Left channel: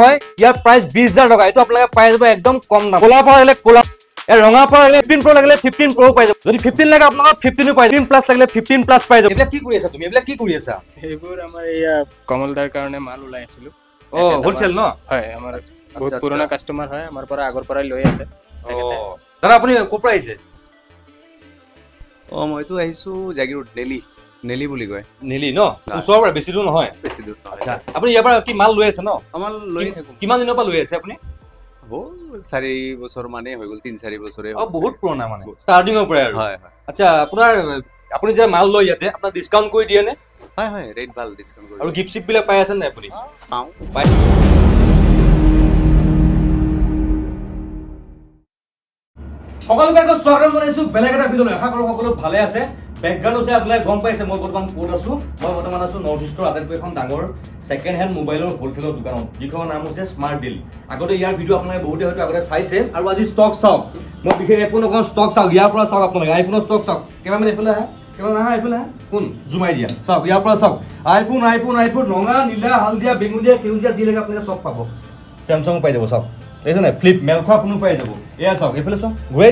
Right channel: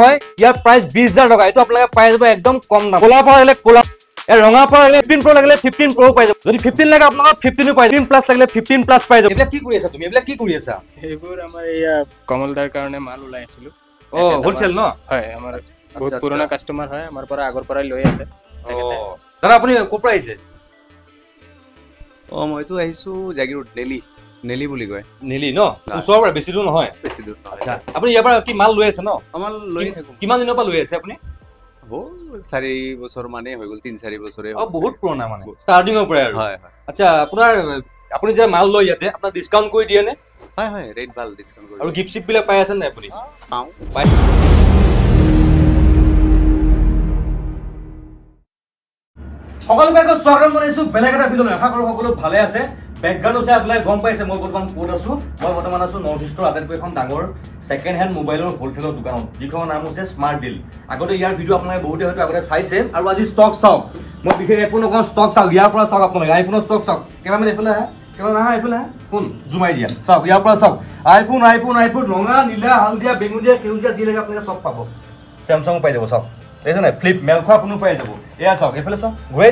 হয় ইয়াৰ প্ৰাইস 20000 টকা এটো আপোনালোকে পাই যাব একদম কম দাম কোলা পৰা হলে কোলা ৰঙা পৰা হলে 15 প্ৰ লাগিলে 15 প্ৰ পাই যাব যদি 15 লাগে আপোনালোক 15 পাই 15 প্লাস লাগিলে 15 প্লাস পাই যাব এবিলাক কি কৰি আছা তুমি এবিলাক কি কৰি আছা এইবোৰ আমাৰ এয়া কমলদাৰ কাৰণে মাল ওলাই আছিল ও হোলসেল ন হয় আমাৰ বহুত পুৰণা কাস্টমাৰ হয় আমাৰ পৰা আগৰ পৰা লৈ আছে দাদা আপুনি কোপৰা আহিছে মইতো আহিছো জাগিৰোড নেলি বুলি কয় নেলি ন ওচৰৰ পৰা বেছি দূৰ নহয় আচ্ছা আপুনি ইয়াৰ পৰা কি মাল লৈ আছে ন আমাৰ লৈ থাকো কিমান দিনৰ পৰা লৈ আছে আপুনি হ'ল 4 বছৰ মানে হৈ গ'ল 3-4 বছৰে বহুত পুৰণা মানে ষ্টাৰ্টিংৰ পৰা আৰু হয় হয় আচ্ছা আপোনাৰ আপুনি যে মাল লৈ ইয়াতে আপোনাৰ ডিসকাউন্ট কৰি দিয়ে নে হয় হয় ৰেট ভাল ডিসকাউন্ট কৰি আৰু গিফট শিপ বিলাক পাই আছে নে আপুনি পাও পাই সকলোকে স্বাগতম জনাইছো বেলেগ এটা ভিডিঅ' আশা কৰো সকলো ভালে আছে বেকগ্ৰাউণ্ড আছে আপোনালোকে গম পাইছে মই বৰ্তমান ক'ত আছো মই বৰ্তমান আছো নৰ্থ ইষ্টৰ আটাইতকৈ এখন ডাঙৰ সেকেন্ড হ্যান্ড মোবাইলৰ হোলসেলৰ দোকানত যিখনৰ নাম হৈছে স্মাৰ্ট ডিল আগতে ইয়াৰ ভিডিঅ' আপোনালোকে বহুতে হয়তো আগতে চাইছে আৰু আজি ষ্টক চাওক মই বিশেষ একো নকওঁ ষ্টক চাওক ইয়াৰ পৰা চাওক আপোনালোকে আইফোনৰ ষ্টক চাওক কেমেৰামেন এইফালে আহে কেমেৰা আহা এইফালে ফোন জুমাই দিয়া চাওক ইয়াৰ পৰা চাওক আইফোন ৰঙা নীলা হালধীয়া বেঙুনীয়া সেউজীয়া যি লাগে আপোনালোকে চব পাব স্যামসাং পাই যাব চাওক দেখছ না ফ্লিপ মেলখোৱা আপুনি পাই যাব এয়া চাওক এইফালে চাওক ঘূৰাই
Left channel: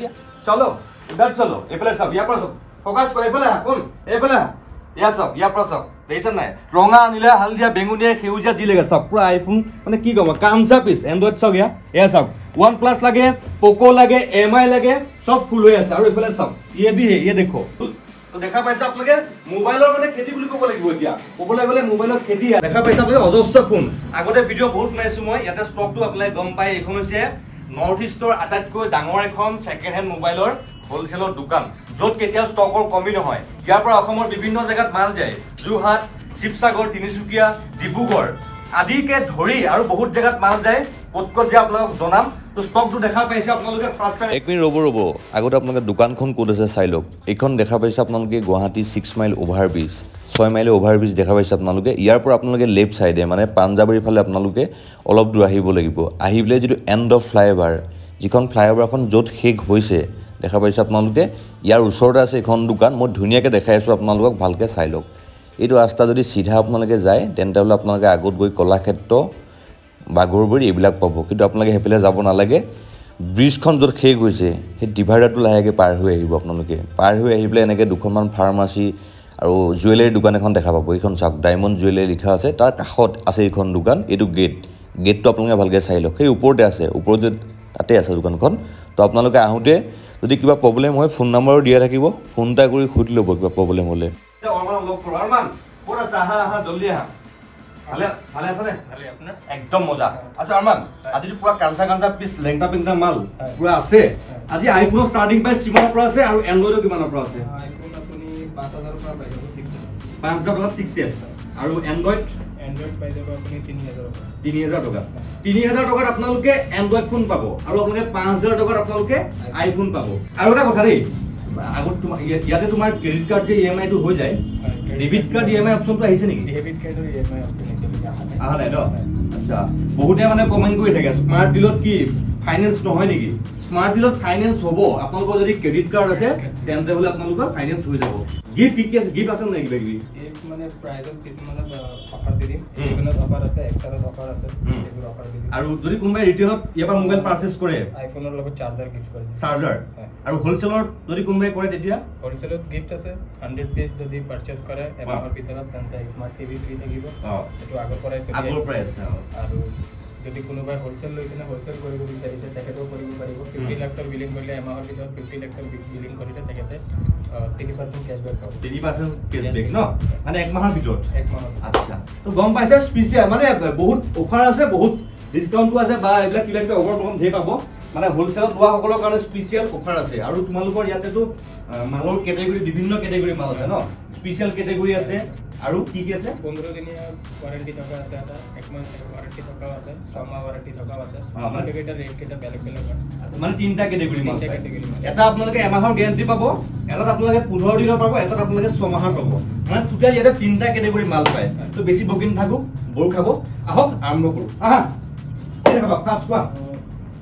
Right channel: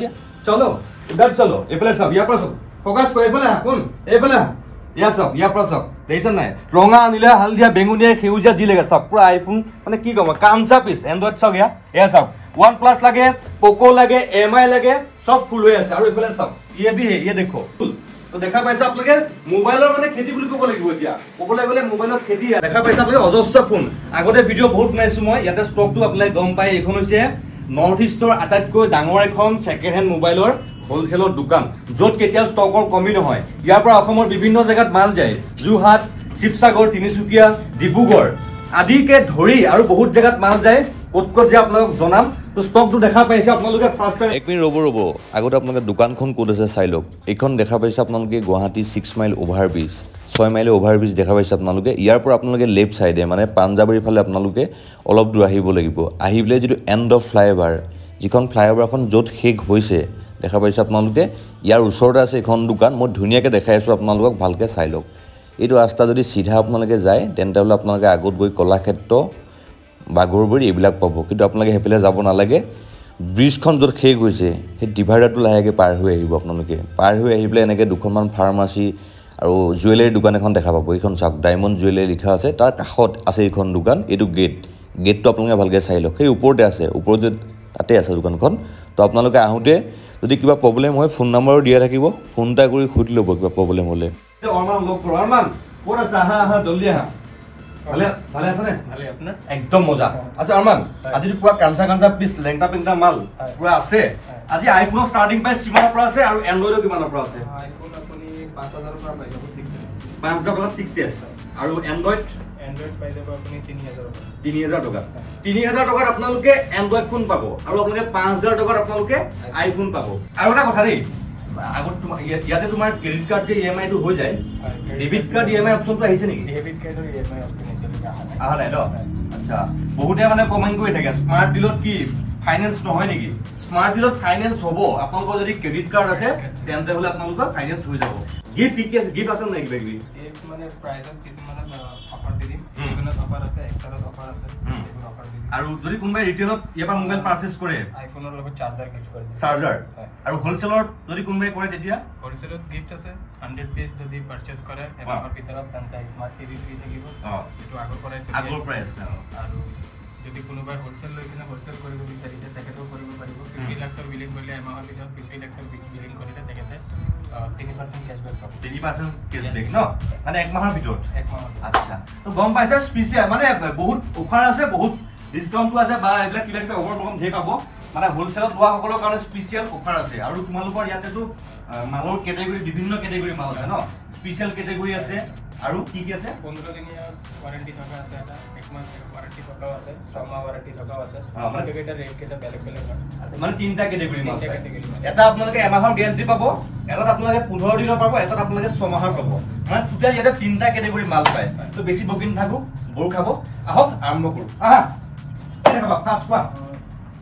দিয়া চলো ইবাৰ চলো এইফালে চাওক ইয়াৰ পৰা চাওক ফোকাস কৰি এইফালে কোন এইফালে ইয়া চাওক ইয়াৰ পৰা চাওক দেখছ নাই ৰঙা নীলা হালধীয়া বেঙুনীয়া সেউজীয়া যি লাগে চাওক পুৰা আইফোন মানে কি ক'ব কামচা পিছ এন্ড্ৰইড চাওক এয়া চাওক OnePlus লাগে পোকো লাগে MI লাগে সব ফুল হৈ আছে আৰু এইফালে চাওক ये भी है ये देखो तो দেখা পাইছা আপোনালোকে মোবাইলৰ মানে খেতি বুলি ক'ব লাগিব এতিয়া ক'বলৈ গ'লে মোবাইলৰ খেতি দেখা পাইছা আপোনালোকে অজস্ৰ ফোন আগতে ভিডিঅ' বহুত বনাইছো মই ইয়াতে ষ্টকটো আপোনালোকে গম পাই এইখন হৈছে নৰ্থ ইষ্টৰ আটাইতকৈ ডাঙৰ এখন সেকেন্ড হ্যান্ড মোবাইলৰ হোলসেলৰ দোকান য'ত কেতিয়াও ষ্টকৰ কমি নহয় ইয়াৰ পৰা অসমৰ বিভিন্ন জায়গাত মাল যায় যোৰহাট শিৱসাগৰ তিনিচুকীয়া ডিব্ৰুগড় আদিকে ধৰি আৰু বহুত জায়গাত মাল যায় ক'ত যে আপোনালোক জনাম তো ষ্টকটো দেখা পাইছে আপোনালোকে ফাৰ্স্ট টাইম এক মিনিট ৰ'ব আগতে আপোনালোকে দোকানখন ক'ত আছে চাই লওক এইখন দেখা পাইছে আপোনালোকে Guwahati 6 mile overbridge 6 mile overbridge দেখা পাইছে আপোনালোকে ইয়াৰ পৰা আপোনালোকে লেফট সাইডে মানে পাঞ্জাবাৰীৰ ফালে আপোনালোকে অলপ দূৰ আহিব লাগিব আহি পেলাই যিটো এণ্ড অফ ফ্লাইঅভাৰ যিখন ফ্লাইঅভাৰখন য'ত শেষ হৈছে দেখা পাইছে আপোনালোকে ইয়াৰ ওচৰতে আছে এখন দোকান মই ধুনীয়াকৈ দেখাই আছোঁ আপোনালোকক ভালকৈ চাই লওক এইটো ৰাস্তা যদি সিধা আপোনালোকে যায় তেন্তে হ'লে আপোনালোকে আগত গৈ কলাক্ষেত্ৰ বাগৰবৰি এইবিলাক পাব কিন্তু আপোনালোকে হেপেলে যাব নালাগে ব্ৰিজখন য'ত শেষ হৈছে সেই ডিভাইডাৰটো লাহেকৈ পাৰ হৈ আহিব আপোনালোকে পাৰ হৈ আহি পেলাই এনেকৈ দুখনমান ফাৰ্মাচী আৰু জুৱেলাৰী দোকান এখন দেখা পাব এইখন চাওক ডায়মণ্ড জুৱেলাৰী লিখা আছে তাৰ কাষত আছে এইখন দোকান এইটো গেটটো আপোনালোকে ভালকৈ চাই লওক সেই ওপৰতে আছে ওপৰত যে তাতে আছে দোকানখন তো আপোনালোকে আহোঁতে যদি কিবা প্ৰব্লেম হয় ফোন নম্বৰো দিয়া থাকিব ফোন এটা কৰি সুধি ল'ব কিবা প্ৰব্লেম হ'লে ভালে আছে নে ভালে আপোনাৰ একদম মজা আচ্ছা আৰমান আজি পুৰা কাঞ্চা পিস লেংটা পিংটা মাল পুৰা আছে আজি আইফোনৰ ষ্টাৰ্টিং প্ৰাইস কিমানৰ পৰা আছে আৰু এন্ড্ৰইডৰ কিমানৰ পৰা আছে আইফোন আপুনি 5000 পৰা পাই যাব 5000 পৰা 6s আৰু এন্ড্ৰইড পাই যাব আপুনি 3000 টকা 3000 টকাত আপোনালোকে এন্ড্ৰইড ফোন পাব আৰু আপোনালোকে 5000 টকাত আপোনালোকে আইফোন পাব আৰু এটা কথা দেই আগত তোমাৰ ইয়াতে তোমাৰ ক্ৰেডিট কাৰ্ড যে EMI টো হৈ যায় ডেবিট কাৰ্ড EMI অপচনটো আহিছে নেকি ডেবিট কাৰ্ডৰ EMI অপচন আহা নাই ন আচ্ছা বহুতে মানে কমেন্ট কৰি থাকে স্মাৰ্ট ডিলত কি ফাইনান্স নহয় নেকি স্মাৰ্ট ডিলত ফাইনান্স হ'ব আপোনালোকৰ যদি ক্ৰেডিট কাৰ্ড আছে তেন্তে হ'লে আপোনালোকৰ ফাইনান্স হৈ যাব গিফট আছে নেকি কিবা কিবি মানে প্ৰাইজত কিছুমান অফাৰ দি দিম ইভেনত অফাৰ আছে এক্সেলত অফাৰ আছে এইবোৰ অফাৰ দি দিম আৰু যদি কোনোবাই ৰিটেইলত ইয়াৰ পৰা মোবাইল পাৰচেজ কৰে আইফোনৰ লগত চাৰ্জাৰ গিফট কৰি দিম চাৰ্জাৰ আৰু হোলসেলত যদি কোনোবাই কৰে তেতিয়া হোলসেলত গিফট আছে 100 পিস যদি পাৰচেজ কৰে এমাহৰ ভিতৰত তেন্তে স্মাৰ্ট টিভি ফ্ৰী থাকিব এটো আগৰ পৰাই আছে আৰু যদি কোনোবাই হোলসেল লৈ কিনে হোলসেল কৰিব বিচাৰিছে তেখেতেও কৰিব পাৰিব 50 লাখৰ বিলিং কৰিলে এমাহৰ ভিতৰত 50 লাখৰ বিলিং কৰিলে তেখেতে 3% ক্যাশবেক পাব 3% ক্যাশবেক ন মানে এক মাহৰ ভিতৰত এক মাহৰ আচ্ছা তো গম পাইছে স্পেশাল মানে বহুত অফাৰ আছে বহুত ডিসকাউন্টটো আছে বা এইবিলাক কিবা কিবা অফাৰ প্ৰগ্ৰাম ধেৰ পাব মানে হোলসেলত লোৱা সকলৰ কাৰণে স্পেশাল অফাৰ আছে আৰু তোমালোকৰ ইয়াতেতো মালৰ কেটেগৰী বিভিন্ন কেটেগৰী মাল আছে ন স্পেশাল কেটেগৰী আছে আৰু কি কি আছে 15 দিনীয়া ওয়াৰেন্টি থকা আছে এক মাহৰ ওয়াৰেন্টি থকা আছে 6 মাহ ওয়াৰেন্টি থকা আছে মানে কেটা ৰেট কেটা বেলেগ মানে তিনটা কেটেগৰী মাল এটা আপোনালোকে এমাহৰ গ্যাৰান্টি পাব এটাত আপোনালোকে 15 দিনৰ পাব এটাত আপোনালোকে 6 মাহৰ পাব মানে টোটাল ইয়াতে তিনটা কেটেগৰী মাল পায় তো বেছি বকিন থাকো বৰ খাব আহক আৰম্ভ কৰো আহা দেখা ফাৰ্ষ্ট ওয়ান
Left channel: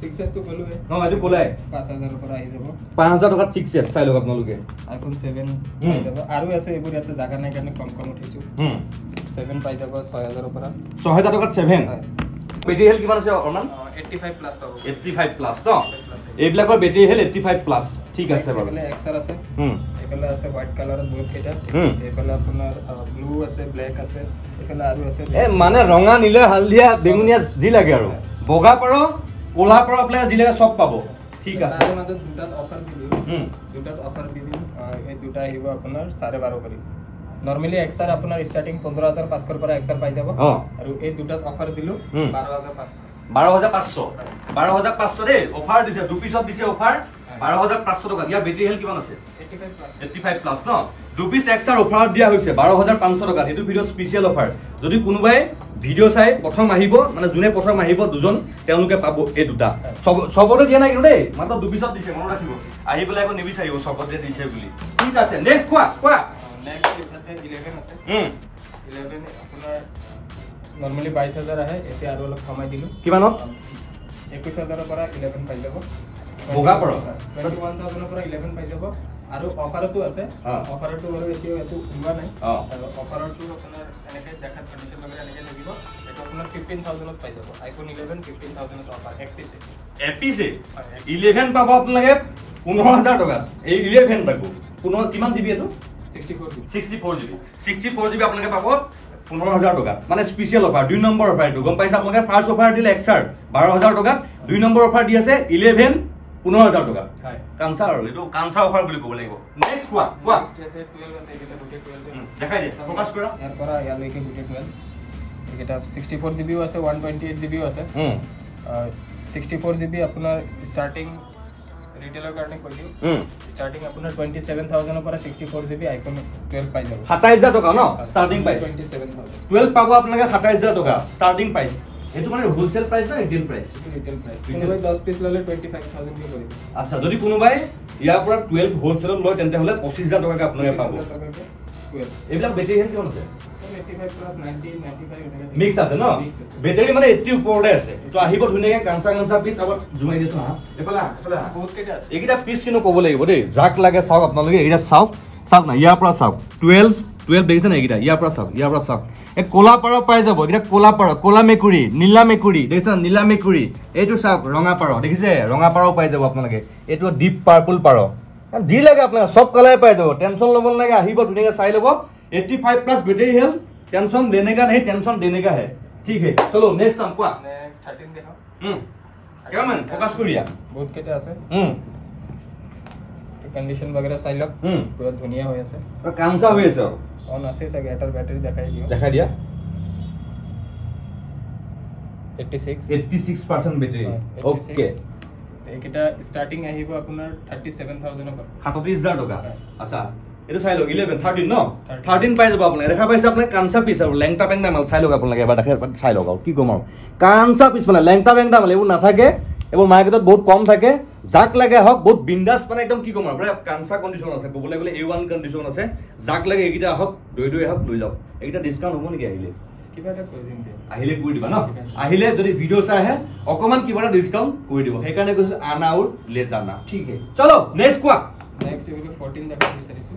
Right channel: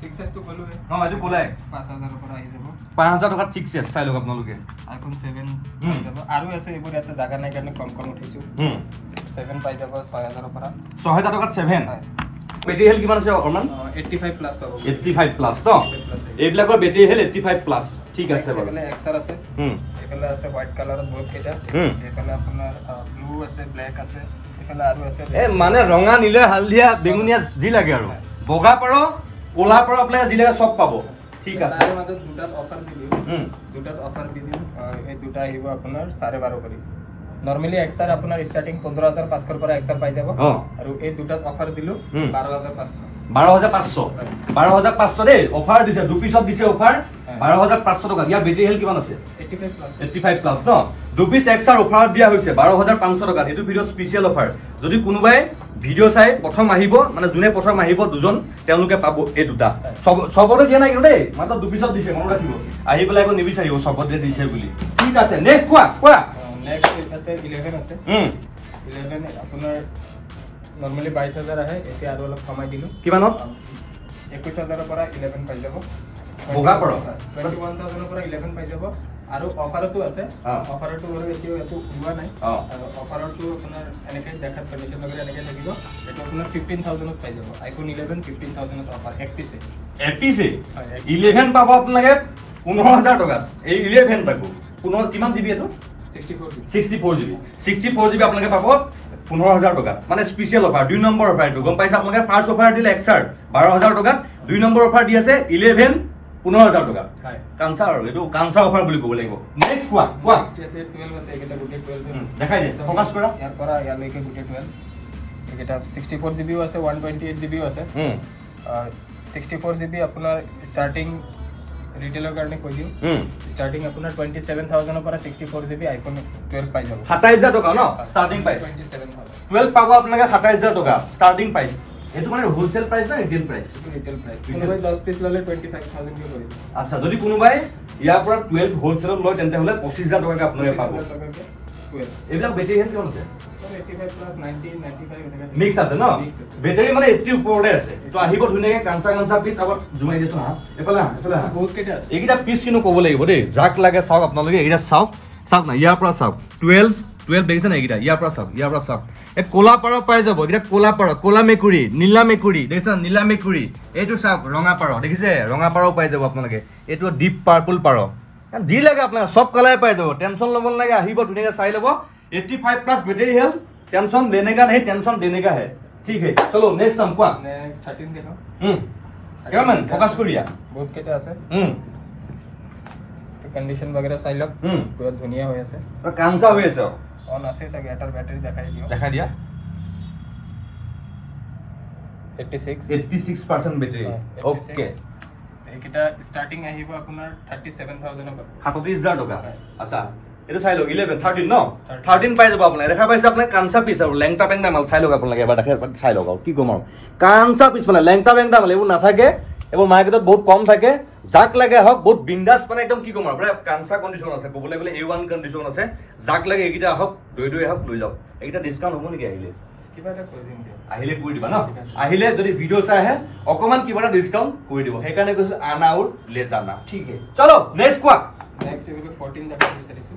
6s তো কলো এইটো কোলাই 5000 পৰা আহি যাব 5000 টকাত 6s চাই লওক আপোনালোকে iPhone 7 পাই যাব আৰু আছে এইবোৰ ইয়াতে জাগা নাই কাৰণে কম কম উঠিছো 7 পাই যাব 6000 পৰা 6000 টকাত 7 বেটাৰী হেল কিমান আছে অকমান 85 প্লাস পাব 85 প্লাস ন এইবিলাকৰ বেটাৰী হেল 85 প্লাস ঠিক আছে বাৰু এফালে XR আছে এফালে আছে হোৱাইট কালাৰত বহুত কেইটা এফালে আপোনাৰ ব্লু আছে ব্ল্যাক আছে এফালে আৰু আছে মানে ৰঙা নীলা হালধীয়া বেঙুনীয়া যি লাগে আৰু বগা পাৰ কোলা পাৰ আপোনাৰ যি লাগে সব পাব ঠিক আছে তাৰে মাজত দুটাত অফাৰ দি দিও এই দুটা আহিব আপোনাৰ 12.5 কৰি নৰমালি XR আপনাৰ স্টাৰ্টিং 15500 পৰা XR পাই যাব আৰু এই দুটাত অফাৰ দিলো 12500 দেই অফাৰ দিছে দু পিছত দিছে অফাৰ 12500 টকা ইয়া বেটাৰী হেল কিমান আছে 85 প্লাস ন দু পিস XR অফার দিয়া হৈছে 12500 টকা এটো ভিডিও স্পেশাল অফার যদি কোনোবাই ভিডিও চাই প্ৰথম আহিব মানে যোনে প্ৰথম আহিব দুজন তেওঁলোকে পাব এই দুটা সবতে দিয়া নাই কিন্তু দেই মাত্ৰ দু পিছত দিছে মনত ৰাখিব আহি পেলাই আকৌ নিবিচাৰিব সবতে দিছে বুলি ঠিক আছে নেক্সট কোৱা नेक्स्ट এটাতে 11 আছে 11 আপোনাৰ নৰমালি 22000 আছে এতে আৰু অলপ কমাই দিলো কিমানো 21000 পৰা 11 পাই যাব বগা পৰ 21000 পৰা 11 পাই যাব আৰু অফাৰটো আছে অফাৰটো হলো এতিয়াও এটো হোৱা নাই আৰু অফাৰটো আপোনাৰ এনেকৈ দেখাত কন্ডিশন লগে এনেকৈ লাগিব এটো আপোনাৰ 15000 পাই যাব iPhone 11 15000 অফাৰ এপিসি 11 পাব আপোনালোকে 15000 টকা এই 11 পাব কিমান জিবি এটো 64 জিবি আপোনালোকে পাব 15000 টকা মানে স্পেশাল অফার 2 নম্বৰ অফাৰ এটো গম পাইছা আপোনালোকে ফাৰ্স্ট অফাৰ দিলে XR 12000 টকা 2 নম্বৰ অফাৰ দি আছে 11 15000 টকা হয় কানসা আৰু এটো কানসা অফাৰ বুলি ক'ব লাগিব নেক্সট কোৱা 12 আছে এটা গুটে 12 দেখাই দিয়া ফোকাস কৰা ইয়াৰ পৰা ইয়ালৈকে গুটে 12 এটা 64 জিবিও আছে 128 জিবিও আছে 64 জিবি আপোনাৰ স্টাৰ্টিং ৰিটেলৰ কাৰণে কৈ দিম স্টাৰ্টিং আপোনাৰ 27000 পৰা 64 জিবি আইফোন 12 পাই যাব 27000 টকা ন স্টার্টিং প্রাইস 27000 12 পাব আপোনালোকে 27000 টকা স্টার্টিং প্রাইস এটো মানে হোলসেল প্রাইস না রিটেল প্রাইস কোনোবাই 10 পিস ললে 25000 কে কৰি আচ্ছা যদি কোনোবাই ইয়াৰ পৰা 12 হোলসেলত লয় তেন্তে হলে 25000 টকা আপোনালোকে পাব এইবিলাক বেটাৰী হেল কিমান আছে 85 প্লাস 90 95 মিক্স আছে ন বেটাৰী মানে 80 ওপৰতে আছে তো আহিব ধুনীয়াকৈ কাঞ্চা পিস আবার জুমাই দিছো হা এফালে বহুত কেটা আছে এইটা পিস কিনো ক'ব লাগিব দেই যাক লাগে চাওক আপোনালোকে এইটা চাওক না ইয়াৰ পৰা চাওক 12 দেখিছে না এইটা ইয়াৰ পৰা চাওক এই কোলা পাৰ পাই যাব এটা কোলা পাৰ কোলা মেকুৰী নীলা মেকুৰী দেখিছে নীলা মেকুৰী এইটো চাওক ৰঙা পাৰ দেখিছে ৰঙা পাৰ পাই যাব আপোনালোকে এইটো ডিপ পাৰ্পল পাৰ যি লাগে আপোনালোকে সব কালাৰ পাই যাব টেনশন ল'ব লাগে আহিব ধুনীয়াকৈ চাই ল'ব 85 प्लस बैटरी हेल टेंशन लेने का नहीं टेंशन देने का है ठीक है चलो नेक्स्ट हम क्या नेक्स्ट 13 देखो क्या मन फोकस करिया बहुत केटा আছে कंडीशन वगैरह साइल अप पूरा धुनिया হৈ আছে और कांसा হৈ আছে অন আছে সব এটার ব্যাটারি দেখাই দিয়া 86% बैटरी ओके এটা স্টার্টিং আহিব আপোনাৰ 37000 পৰা 37000 টকা আচ্ছা এটা চাই লওক 11 13 ন 13 পাই যাব আপোনালোকে দেখা পাইছে আপোনালোকে কাঞ্চা পিস আৰু লেংটা বেংটা মাল চাই লওক আপোনালোকে এবাৰ দেখা চাই লওক কি কম আৰু কাঞ্চা পিস মানে লেংটা বেংটা মাল এইবোৰ নাথাকে এইবোৰ মাৰ্কেটত বহুত কম থাকে যাক লাগে হওক বহুত বিন্দাস মানে একদম কি কম আৰু পুৰা কাঞ্চা কন্ডিশন আছে ক'বলৈ গ'লে A1 কন্ডিশন আছে যাক লাগে এইকিটা হওক দৈ হওক লৈ যাওক এইকিটা ডিসকাউন্ট হ'ব নেকি আহিলে কিবা এটা কৰি দিম আহিলে কৰি দিবা ন আহিলে যদি ভিডিও চাই আহে অকমান কিবা এটা ডিসকাউন্ট কৰি দিব সেইকাৰণে কৈছো আনা আৰু লে জানা ঠিক আছে চলো নেক্সট কোৱা নেক্সট এগুলো 14 দেখা বিচাৰিছো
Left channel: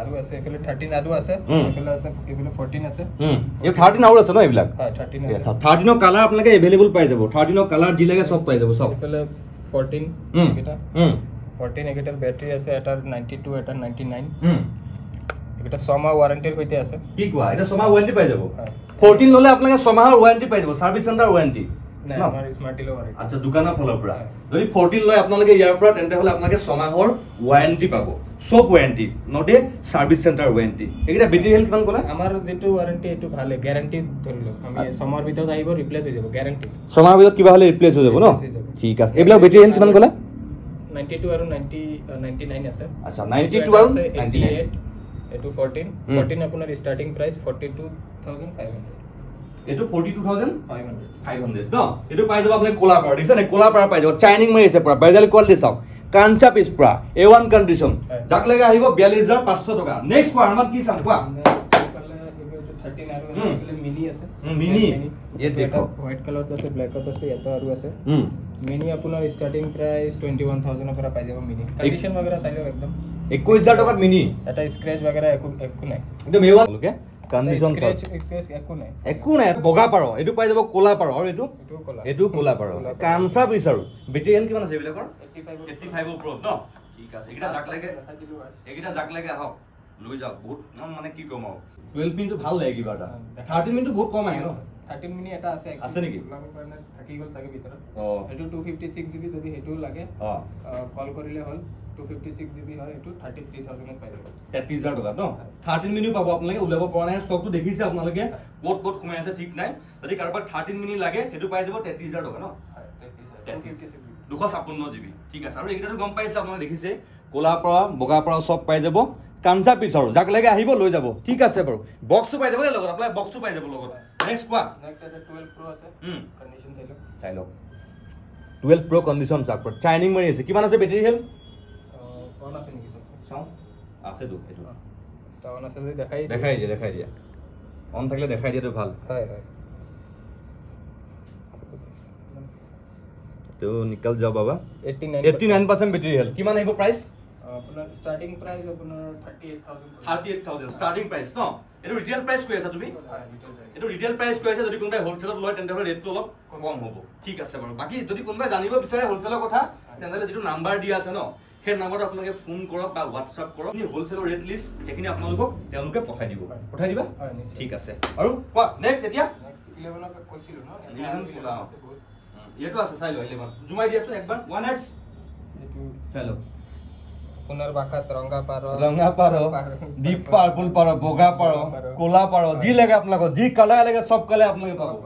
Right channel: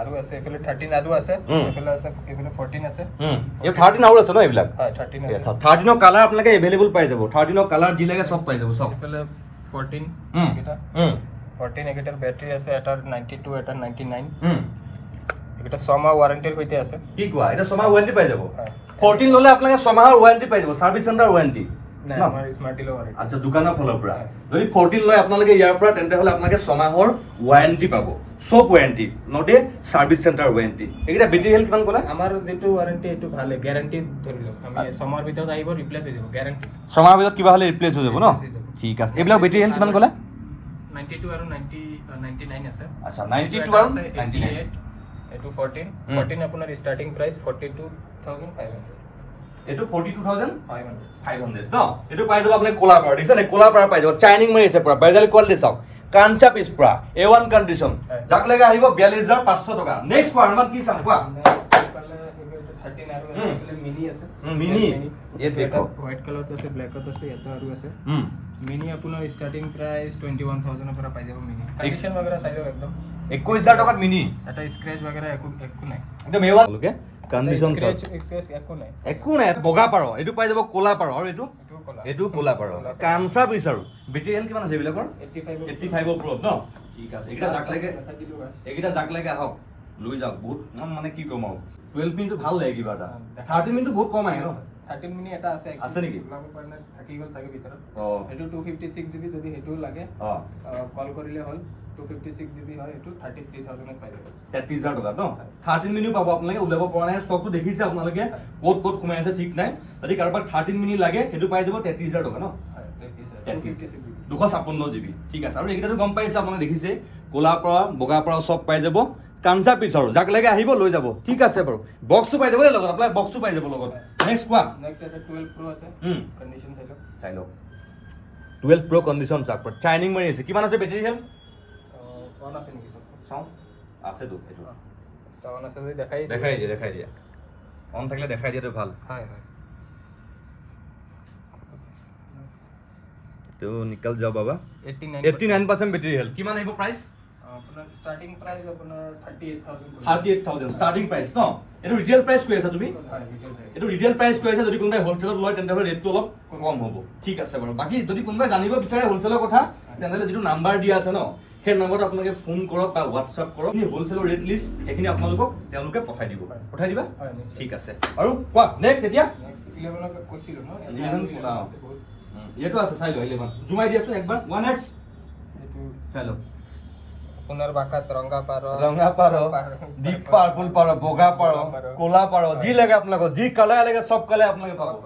আৰু আছে এফালে 13 আৰু আছে এফালে আছে এফালে 14 আছে এই 13 আৰু আছে ন এইবিলাক হয় 13 আছে 13 ৰ কালাৰ আপোনালোকে अवेलेबल পাই যাব 13 ৰ কালাৰ যি লাগে সব পাই যাব সব এফালে 14 এটা 14 এটাৰ ব্যাটাৰি আছে এটাৰ 92 এটাৰ 99 এটা 6 মাহ ওয়াৰেন্টিৰ সৈতে আছে কি কোৱা এটা 6 মাহ ওয়াৰেন্টি পাই যাব 14 ললে আপোনালোকে 6 মাহৰ ওয়াৰেন্টি পাই যাব সাৰ্ভিস সেন্টাৰ ওয়াৰেন্টি না আমাৰ স্মাৰ্ট ডিলৰ ওয়াৰেন্টি আচ্ছা দোকানৰ ফলৰ পৰা যদি 14 লয় আপোনালোকে ইয়াৰ পৰা তেন্তে হলে আপোনালোকে 6 মাহৰ ওয়াৰেন্টি পাব সব ওয়াৰেন্টি নটে সাৰ্ভিস সেন্টাৰ ওয়াৰেন্টি এইটা ব্যাটাৰি হেলথ কিমান ক'লা আমাৰ যেটো ওয়াৰেন্টি এটো ভালে গ্যাৰান্টি ধৰিলো আমি সময় ভিতৰত আহিব ৰিপ্লেস হৈ যাব গ্যাৰান্টি সময় ভিতৰত কিবা হলে ৰিপ্লেস হৈ যাব ন ঠিক আছে এইবিলাক ব্যাটাৰি হেলথ কিমান ক'লা 92 আৰু 99 আছে আচ্ছা 92 আৰু 99 এটো 14 আপোনাৰ স্টার্টিং প্রাইস 42500 এটো 42500 500 ন এটো পাই যাব আপুনি কোলা পাৰ দিছে নে কোলা পাৰ পাই যাব চাইনিং মাৰিছে পুৰা বাইজাল কোৱালিটি চাওক কাঞ্চা পিস পুৰা A1 কন্ডিশন যাক লাগে আহিব 42500 টকা নেক্সট পাৰ মান কি চাম কোৱা 13 আৰু মিনি আছে মিনি ये देखो হোয়াইট কালাৰ আছে ব্ল্যাক আছে এটা আৰু আছে মিনি আপোনাৰ ষ্টাৰ্টিং প্ৰাইচ 21000 পৰা পাই যাব মিনি কন্ডিশন वगैरह চাই লওক একদম 21000 টকাত মিনি এটা স্ক্ৰেচ वगैरह একো নাই একদম A1 লোকে কন্ডিশন স্ক্ৰেচ একো নাই বগা পাৰ এটো পাই যাব কোলা পাৰ আৰু এটো কোলা পাৰ কামচা বিচাৰো বেটাৰী হেল কিমান আছে বিলকৰ 85 ওপৰত ন ঠিক আছে এইটা জাক লাগে আহক লৈ যাওক বহুত মানে কি কম আৰু 12 মিনিট ভাল লাগে কিবা এটা 13 মিনিট বহুত কম আহে ন 13 মিনিট এটা আছে নেকি লাগব কাৰণে থাকি গল থাকে ভিতৰত এটো 256 জিবি যদি হেতু লাগে কল কৰিলে হল 256 জিবি হয় এটো 33000 পাই যাব 33000 টকা ন 13 মিনিট পাব আপোনালোকে উলাব পৰা নাই সবটো দেখিছে আপোনালোকে ক'ত সোমাই আছে ঠিক নাই যদি কাৰোবাক 13 মিনিট লাগে হেতু পাই যাব 33000 টকা ন 256 জিবি ঠিক আছে আৰু এইকেইটাটো গম পাইছে আপোনালোকে দেখিছে কোলা পৰা বগা পৰা সব পাই যাব কামচা পিছ আৰু যাক লাগে আহিব লৈ যাব ঠিক আছে বাৰু বক্সও পাই যাব লগত আপোনাৰ বক্সও পাই যাব লগত নেক্সট কোৱা নেক্সট এটা 12 প্ৰো আছে কন্ডিশন চাই লওক 12 প্ৰো কন্ডিশন চাক চাইনিং মাৰি আছে কিমান আছে বেটাৰী হেল অন আছে নেকি সব চাও আছে তো এটো তা অন আছে যদি দেখাই দিয়া অন থাকলে দেখাই দিয়াটো ভাল হয় তো নিকল যাও বাবা 89% বেটাৰী হেল কিমান আহিব প্ৰাইস আপোনাৰ স্টাৰ্টিং প্ৰাইস আপোনাৰ 38000 স্টাৰ্টিং প্ৰাইস ন এটো ৰিটেল প্ৰাইস কৈ আছে তুমি হয় ৰিটেল প্ৰাইস এটো ৰিটেল প্ৰাইস কৈ আছে যদি কোনবাই হোলসেলত লয় তেন্তে ৰেটটো অলপ কম হ'ব ঠিক আছে বাৰু বাকি যদি কোনবাই জানিব বিচাৰে হোলসেলৰ কথা তেন্তে যেটো নাম্বাৰ দিয়া আছে ন সেই নম্বৰত আপোনালোকে ফোন কৰক বা WhatsApp কৰক নি হোলসেলৰ ৰেট লিষ্ট এখিনি আপোনালোকক তেওঁলোকে পঠাই দিবা হয় ঠিক আছে আৰু কোৱা নেক্সট এতিয়া নেক্সট 11 ক কৈছিলো ন 11 এটো আছে চাই ল 11 জুমাই দিয়াছো একবাৰ 1x এটো চলো পুনৰ বাকাত ৰঙা পাৰ ডিপ পাৰ্পল পাৰ বগা পাৰ কোলা পাৰ যি লাগে আপোনালোক যি কালাৰ লাগে সব কালাৰ আপোনালোকে পাব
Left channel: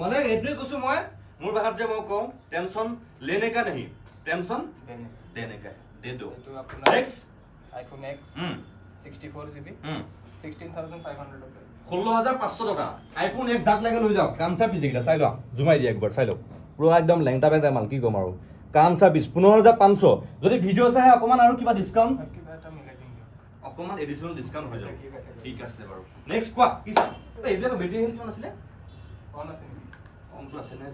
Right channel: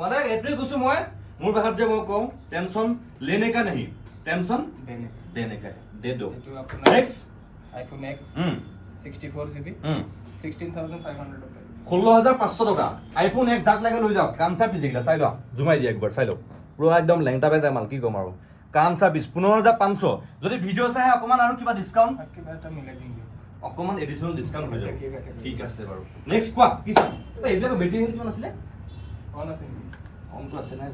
মানে এটোই কৈছো মই মোৰ ভাষাত যে মই কম টেনশন लेने का नहीं टेंशन देने का है दे दो नेक्स्ट आईफोन X 64 GB 16500 रुपए 16500 টাকা আইফোন X যাক লাগে লৈ যাওক কামচা পিছে গিলা চাই ল জুমাই দি একবাৰ চাই ল পুৰো একদম লেংটা বেটা মাল কি কম আৰু কামচা 15500 যদি ভিডিও চাই অকমান আৰু কিবা ডিসকাউন্ট এটা মিলাই দিম অকমান এডিশনাল ডিসকাউন্ট হৈ যাব ঠিক আছে বাৰু নেক্সট কোৱা কি চাম এইবিলাক বেটাৰী হেল কিমান আছিল অন আছে অন তো আছে নাই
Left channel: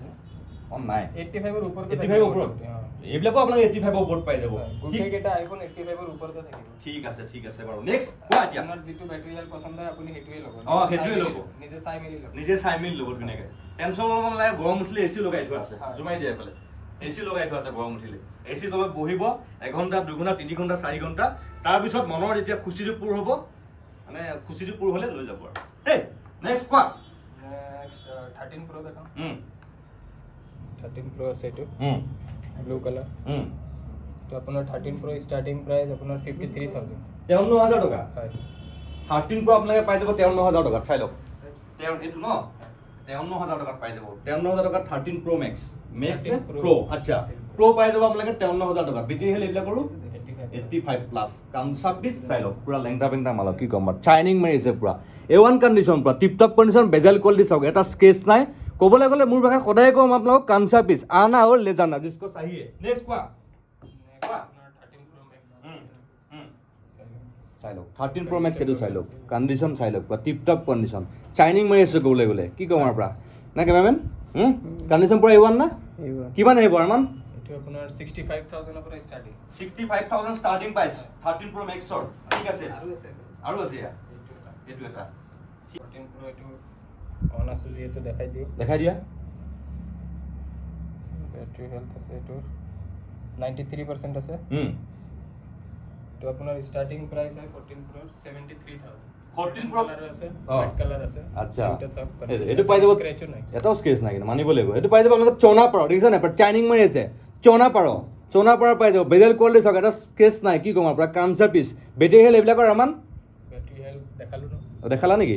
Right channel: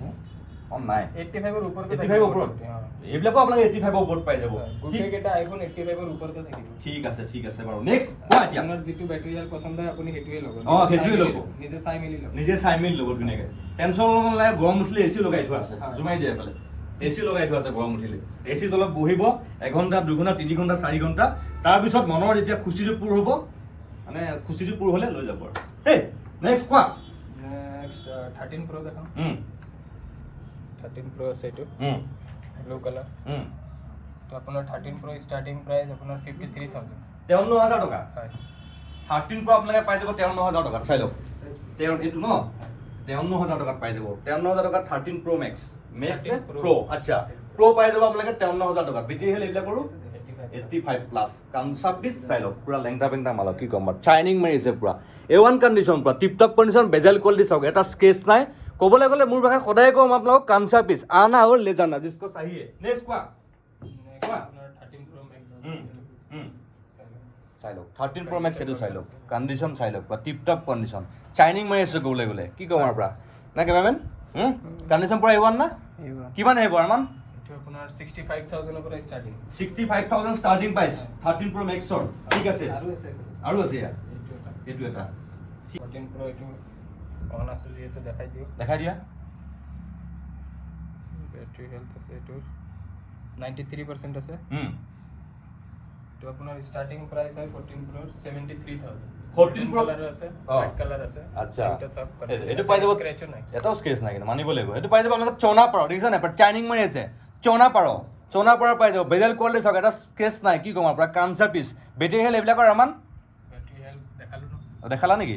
অন নাই 85 এর উপর 85 ওপৰত এইবিলাকো আপোনালোকে 85 ওপৰত পাই যাব ঠিক এটা আইফোন 85 এৰ উপৰতে থাকিব ঠিক আছে বাৰু নেক্সট কোৱা এতিয়া আপোনাৰ যেটো বেটাৰী হেল পছন্দ হয় আপুনি হেতুৱে ল'ব হেতুৱে ল'ব নিজে চাই মিলি ল'ব ধুনীয়াকৈ টেনশন লাগে গৰম উঠিলে এসি লগাই থোৱা আছে জুমাই দিয়ে পালে এসি লগাই থোৱা আছে গৰম উঠিলে এসি তলত বহিব 1 ঘণ্টা 2 ঘণ্টা 3 ঘণ্টা 4 ঘণ্টা তাৰ পিছত মনৰ যেতিয়া খুচিটো পুৰ হ'ব মানে খুচিটো পুৰ হলে লৈ যাব আৰু হে নেক্সট কোৱা নেক্সট 13 প্ৰো দেখাম 13 প্ৰো আছে এটো ব্লু কালাৰ তো আপোনাৰ 13 প্ৰো স্টাৰ্টিং প্ৰাইস আপোনাৰ 53000 53000 টকা হয় 13 প্ৰো আপোনালোকে পাই যাব 53000 টকা চাই লওক এটো ন 53000 টকা পাই যাব 53000 টকা 13 প্ৰো ম্যাক্স প্ৰো আচ্ছা প্ৰো পাই যাব আপোনালোকে 53000 টকা বেটাৰী হেল এইবিলাক কৰো 85 প্লাস কামচা পিস চাই লওক পুৰা লেংটা পেংটা মাল কি কম চাইনিং মাৰিছে পুৰা A1 কন্ডিশন পুৰা টিপ টপ কন্ডিশন বেজেল কোৱালিটি চাওক এটা স্কেচ নাই কবলে গলে মোৰ ভাষা সদায় কম আপোনালোক কামচা পিস আনা আৰু ले जाना जिसको चाहिए नेक्स्ट কোৱা 13 প্ৰো ম্যাক্স চাই লওক 13 প্ৰো ম্যাক্স এটো চাই লওক কন্ডিশন চাই লওক পুৰা টিপ টপ কন্ডিশন চাইনিং মাৰিছে কবলে গলে কি কম আৰু পুৰা না কেমেৰামেন কন্ডিশন পুৰা A1 না কিমান আহিব আৰমান এটো আপোনাৰ 65000 ৰ পৰা starting 65000 starting price 13 pro max ঠিক আছে আৰু আছে ইয়াৰ এটো এটা 14 প্ৰো এটো অন আছে যেটো দেখাই দিয়া ব্যাটাৰি হেলথ আছে এটো 93% আছে তো আপোনাৰ স্টাৰ্টিং প্ৰাইস হয় 14 প্ৰো 73000 14 প্ৰো কালাৰ আছে হোয়াইট কালাৰ আছে আচ্ছা এটা সব এটো পাই যাব স্ক্র্যাচ নাই এটাও স্ক্র্যাচ নাই কিন্তু মানিব লাগিব এটো পাই যাব আপোনালোক চনা পাৰ দেখিছা না বাট চাইনিং মাৰি আছে চনা পাৰ পাই যাব বেজেল কোৱালিটি চাওক এটা স্ক্ৰ্যাচ নাই কি কম আপোনাৰ কামচা পিস বেটাৰী হেল এইবিলাকৰ আমান ব্যাটাৰি হেলথ দেখালো ন দেখালা নেকি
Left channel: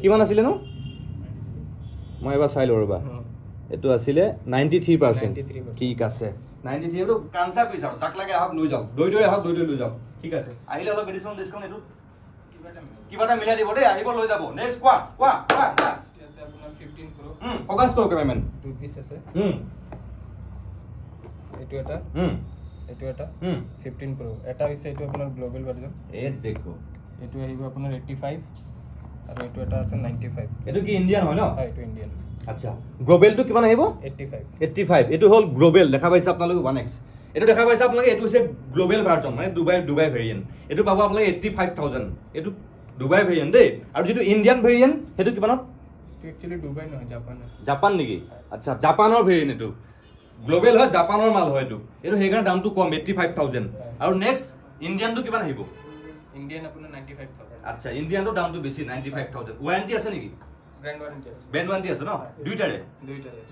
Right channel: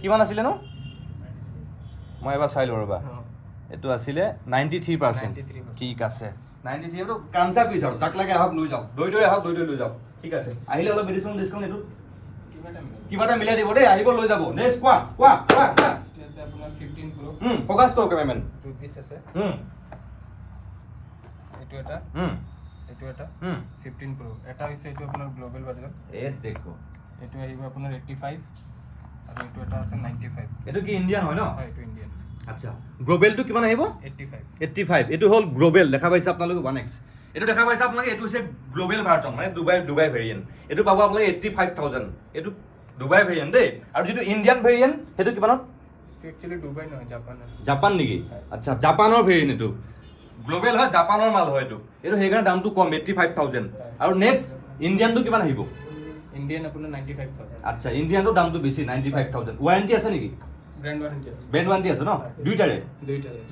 কিমান আছিল নো মই এবাৰ চাই লও ৰবা এটো আছিল 93% ঠিক আছে 93 এটো কামচা পিস আৰু যাক লাগে আহক লৈ যাওক দই আহক দই লৈ যাওক ঠিক আছে আহিলে অলপ এডিশনাল ডিসকাউন্ট এটো কিবাটা মিলাই দিব দেই আহিব লৈ যাব নেক্সট কোৱা আপোনাৰ 15 প্ৰো ফোকাস কৰক কেমেৰামেন দুই পিস আছে এটো এটা 15 প্ৰো এটা হৈছে এটো আপোনাৰ গ্লোবাল ভাৰ্জন দেখো এটো আহিব আপোনাৰ 85 আৰু এটো এটা আছে 95 এটো কি ইন্ডিয়ান হয় ন হয় এটো ইন্ডিয়ান আচ্ছা গ্লোবেলটো কিমান আহিব 85 এটো হল গ্লোবেল দেখা পাইছে আপোনালোকে 1x এটো দেখা পাইছে আপোনালোকে এটো হৈছে গ্লোবেল ভাৰ্জন মানে দুবাই ভেৰিয়েন্ট এটো পাব আপোনালোকে 85000 এটো দুবাই ভেৰিয়েন্ট দেই আৰু যেটো ইন্ডিয়ান ভেৰিয়েন্ট হেতু কিমানত একচুয়ালি দুবাই নহয় জাপান নেকি আচ্ছা জাপানৰ ভেৰিয়েন্ট এটো গ্লোবেল হয় জাপানৰ মাল হয় এটো হেগাৰ দামটো কম 85000 আৰু নেক্সট ইন্ডিয়ানটো কিমান আহিব ইন্ডিয়ান আপোনাৰ 95000 আচ্ছা ইন্ডিয়ানটো দামটো বেছি 95000 ওয়াৰেন্টি আছে নেকি ব্ৰ্যান্ড ওয়াৰেন্টি আছে ব্ৰ্যান্ড ওয়াৰেন্টি আছে ন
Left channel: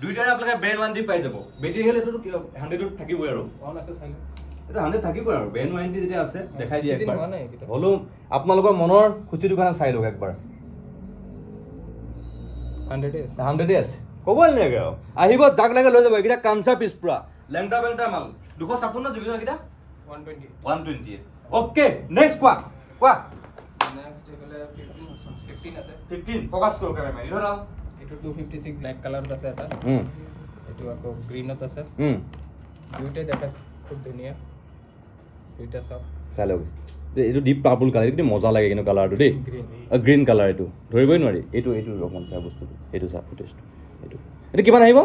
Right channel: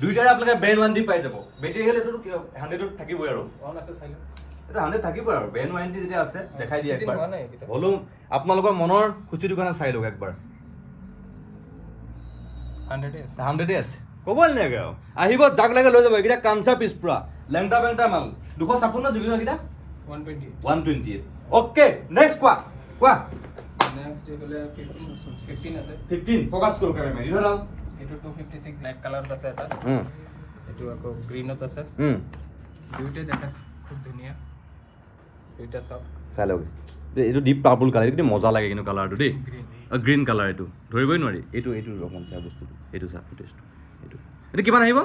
দুইটাৰে আপোনালোকে ব্ৰ্যান্ড ওয়াৰেন্টি পাই যাব বেটাৰি হেল এটো 100 থাকিবই আৰু অন আছে চাইলে এটা 100 থাকিব আৰু ব্ৰ্যান্ড ওয়াৰেন্টি যেতিয়া আছে দেখাই দিয়া একবাৰ হলো আপোনালোকৰ মনৰ খুচিটো কাৰণে চাই লওক একবাৰ 100 আছে কব নালাগে আহিব জাগ লাগে লৈ যাব এটা কাঞ্চা পিছ পুৰা লেংটা বেংটা মাল 256 জুবিন কিটা 120 ওকে নেক্সট কোৱা নেক্সট এগুলা 15 আছে 15 ফোকাস করো কারে মারি হলাম এটা 256 ব্ল্যাক কালার আছে এটা এটা আকো গ্রিনত আছে দুইটা দেখা খুব ধুনিয়া দুইটা সব চালো এটো ডিপ পার্পল কালার এটো মজা লাগে কিনো কালারটো দেই গ্রিন কালার এটো ধৰিবই নোৱাৰি এটো ৰকম চা বস্তু এটো চা ফুটেজটো এটো কিমান আহিব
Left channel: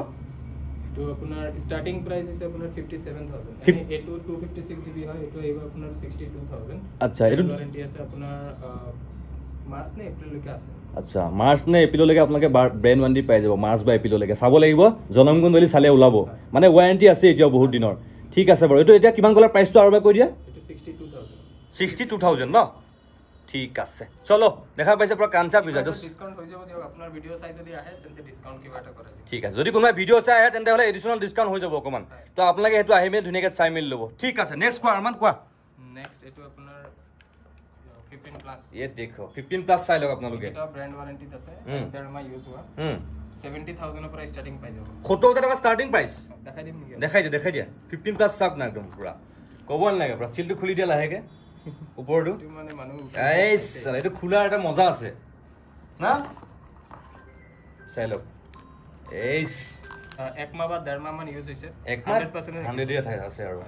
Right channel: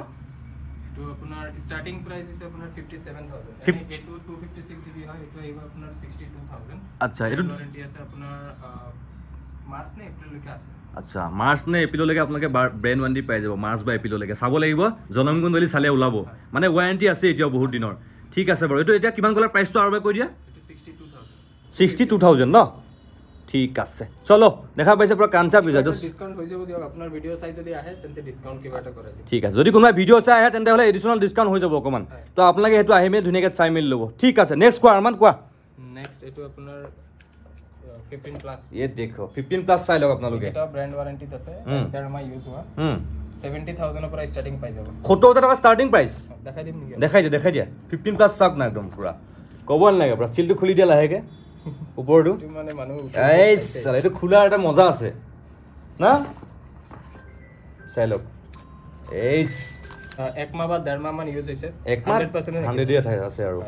এটো আপোনাৰ স্টাৰ্টিং প্ৰাইস হৈছে আপোনাৰ 57000 মানে এটো 256 জিবি হয় এটো আহিব আপোনাৰ 62000 আচ্ছা এটো ওয়াৰেন্টি আছে আপোনাৰ মার্চ নে এপ্রিল লৈকে আছে আচ্ছা মার্চ নে এপ্রিল লৈকে আপোনালোকে ব্র্যান্ড ওয়ারেন্টি পাই যাব মার্চ বা এপ্রিল লৈকে চাব লাগিব জনমগুন্দলি চালে ওলাব মানে ওয়ারেন্টি আছে এতিয়া বহুত দিনৰ ঠিক আছে বাৰু এটো এতিয়া কিমান কলাৰ প্ৰাইসটো আৰু কৈ দিয়া এটো 62000 ন ঠিক আছে চলো দেখা পাইছে পুৰা কাঞ্চা পিজা ডিসকাউন্ট হৈ যাব দিয়ক আপোনাৰ ভিডিও চাই যদি আহে তেন্তে ডিসকাউন্ট কিবা এটা কৰে ঠিক আছে যদি কোনোবা ভিডিও চাই আহে তেন্তে হলে এডিশনাল ডিসকাউন্ট হৈ যাব অকমান তো আপোনালোকে হেতু আহিমে ধুনিয়াকে চাই মিল লব ঠিক আছে নেক্সট কোৱা আৰমান কোৱা নেক্সট এটো আপোনাৰ 15 প্লাস ये देखो 15 প্লাস চাই লওক আপোনালোকে এটা ব্র্যান্ড ওয়ারেন্টি আছে 1.5 মাহ ইউজ হোৱা 70000 ৰ পৰা স্টার্টিং পাই যাব 70000 টাকা স্টার্টিং প্রাইস দেখাই দিম নেকি দেখাই দিয়া 15 প্লাস চাক না একদম পুরা কব নালাগে পুরা সিলটো খুলি দিয়া লাহেকে উপৰটো মানে মানুহ এই সালা এটা খোলা এটা মজা আছে না চাই লওক এই এক মাহ বা 1.5 মাহ মান ইউজ হৈছে 100% 100 দিয়া আছে আৰু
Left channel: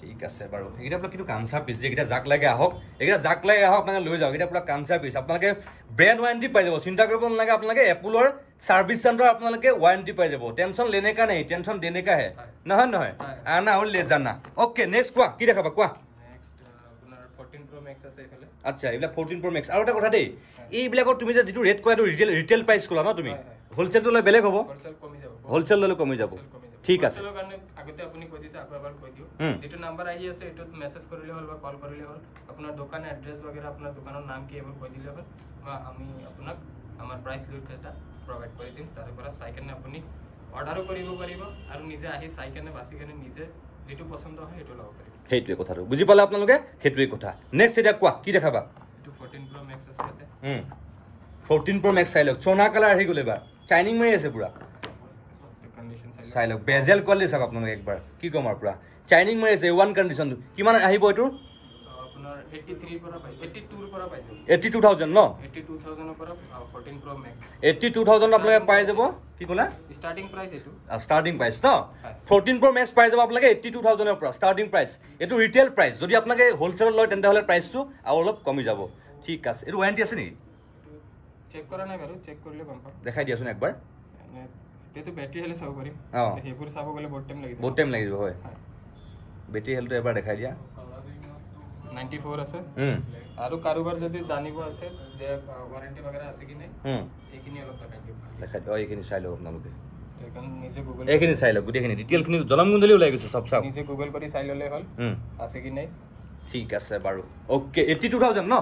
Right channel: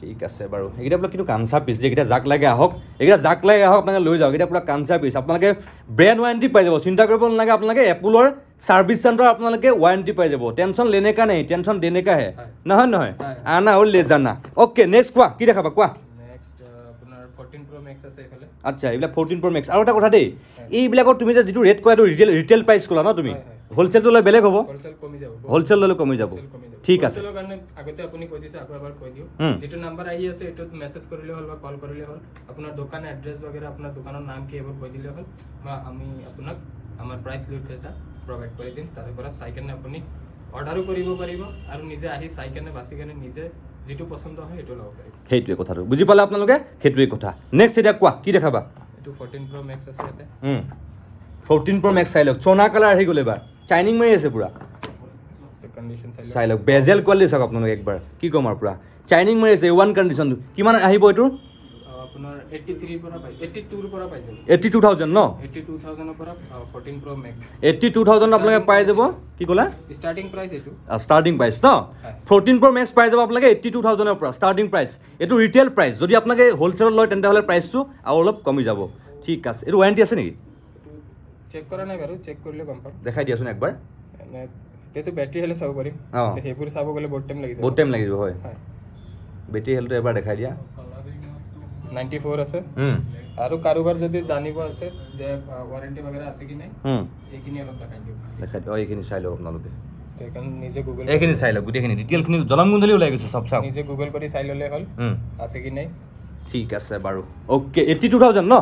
ঠিক আছে বাৰু এইটা পুৰা কিন্তু কাঞ্চা পিস যেটা জাক লাগে আহক এইটা জাক লাগে আহক আপোনালোকে লৈ যাওক এটা পুৰা কাঞ্চা পিস আপোনালোকে ব্ৰ্যান্ড ওয়াৰেন্টি পাই যাব চিন্তা কৰিব নালাগে আপোনালোকে এপলৰ সার্ভিস সেন্টার আপোনালোকে ওয়ারেন্টি পাই যাব টেনশন লেনে কা নাই টেনশন দেনে কা হে নহয় আনা হল ले जाना ওকে নেক্সট কোৱা কি দেখাবা কোৱা নেক্সট আপোনাৰ 14 Pro Max আছে এফালে আচ্ছা এইবিলাক 14 Pro Max আৰু এটা কথা দেই এইবিলাকৰ তুমি যে যেটো ৰেট কোৱাটো ৰিটেল প্ৰাইস কোলা ন তুমি হোলসেল তো লৈ বেলেগ হ'ব হোলসেল কমি যাব হোলসেল লৈ কমি যাব ঠিক আছে হোলসেলৰ কাৰণে আগতে আপুনি কৈ দিছে আকৌ এবাৰ কৈ দিও যেটো নাম্বাৰ আহি আছে এটো মেসেজ কৰিলে হল বা কল কৰিলে হল আপোনাৰ দোকান এড্ৰেছ वगैरह আপোনাৰ দোকানৰ নাম কি এবাৰ কৈ দিলে হল বা আমি আপোনাক আমাৰ প্ৰাইস লিষ্টটা প্ৰভাইড কৰি দিম তাৰ পৰা চাইকেনে আপুনি অৰ্ডাৰো কৰিব পাৰিব আৰু নিজে আহি চাইকেনে বাছিকেনে নিজে যেটো পছন্দ হয় এটো লব পাৰিব হেইটোৱে কথাটো বুজি পালে আপোনালোকে হেইটোৱে কথা নেক্সট এটা কোৱা কি দেখাবা এটো 14 Pro Max আছে ইয়াতে 14 Pro Max চাই লওক সোনা কালাৰ আহি গলে বা চাইনিং মাৰি আছে পুৰা কন্ডিশন চাই লওক বেজেল কোৱালিটি চাওক আপোনালোকে একবাৰ কি কম আৰু পুৰা চাইনিং মাৰি আছে ওৱান কন্ডিশন কিমান আহিব এটো আপোনাৰ 83 পৰা পাই 82 পৰা পাই যাব 82000 ন 82000 পৰা 14 Pro Max 82000 আপোনালোকে পাই যাব কি কলা স্টার্টিং প্রাইস এটো স্টার্টিং প্রাইস ন 14 Pro Max পাই যাব আপোনালোকে 82000 ৰ পৰা স্টাৰ্টিং প্ৰাইস এটো ৰিটেল প্ৰাইস যদি আপোনালোকে হোলসেলত লয় তেন্তে হলে প্ৰাইসটো আৰু অলপ কমি যাব ঠিক আছে এটো ওয়াৰেন্টি আছে নেকি চেক কৰা নাই বাৰু চেক কৰিলে গম পাম দেখাই দিয়াছোন একবাৰ তেটো ব্যাটাৰি হেলে চাব পাৰিম হেপুৰ চাব গলে বহুত টাইম লাগি যাব বহুত টাইম লাগি যাব হয় ব্যাটারি হেলটো এবাৰ দেখাই দিয়া 94 আছে আৰু কাৰোবাৰ যদি জানিব আছে যে ওয়ারেন্টি वगैरह আছে কি নাই এইখিনি অলপ দেখাই দিও দেখাই দিও এইখিনি চাই লওক আপোনালোকে তেখন নিজে গুগল এইখিনি চাই লওক গুটেখিনি ডিটেইলখিনি জলমগুন্দলি ওলাই গৈছে সব সব নিজে গুগল কৰি চাই ললে হল আছে কি নাই ঠিক আছে বাৰু ওকে 82000 ন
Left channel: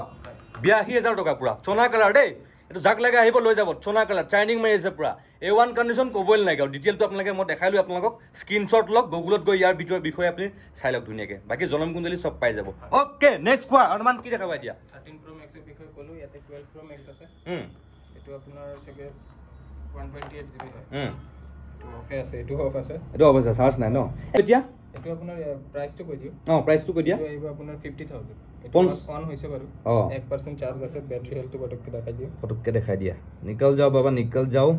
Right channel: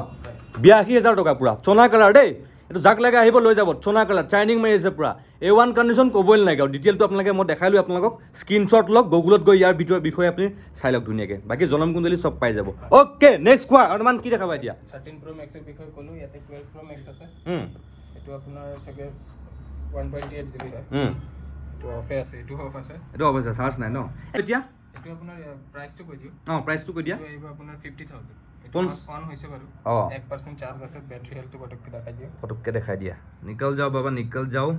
82000 টকা পুৰা সোনা কালাৰ দেই এটো জাক লাগে আহিব লৈ যাব সোনা কালাৰ চাইনিং মাৰি আছে পুৰা A1 কন্ডিশন কবই নালাগে ডিটেইলটো আপোনালোকে মই দেখাইলো আপোনালোকক স্ক্ৰিনশ্বট লওক গুগলত গৈ ইয়াৰ বিষয়ে আপুনি চাই লওক ধুনিয়াকে বাকি জলমগুন্দলি সব পাই যাব ওকে নেক্সট কোৱা অনুমান কি দেখাবা দিয়া 13 Pro Max এৰ বিষয়ে কলো ইয়াতে 12 Pro Max আছে এটো আপোনাৰ সকে 128 GB হয় এটো অফে আছে এটো অফ আছে এটো অফ আছে চার্জ নাই ন এতিয়া এটো আপোনাৰ প্ৰাইসটো কৈ দিও প্ৰাইসটো কৈ দিয়া এটো আহিব আপোনাৰ 50000 এটো অন হৈছে বাৰু 1% চার্জ আছে ব্যাটারি হেলথ পটককে দেখাই দিয়া निकल जाओ बाबा निकल जाओ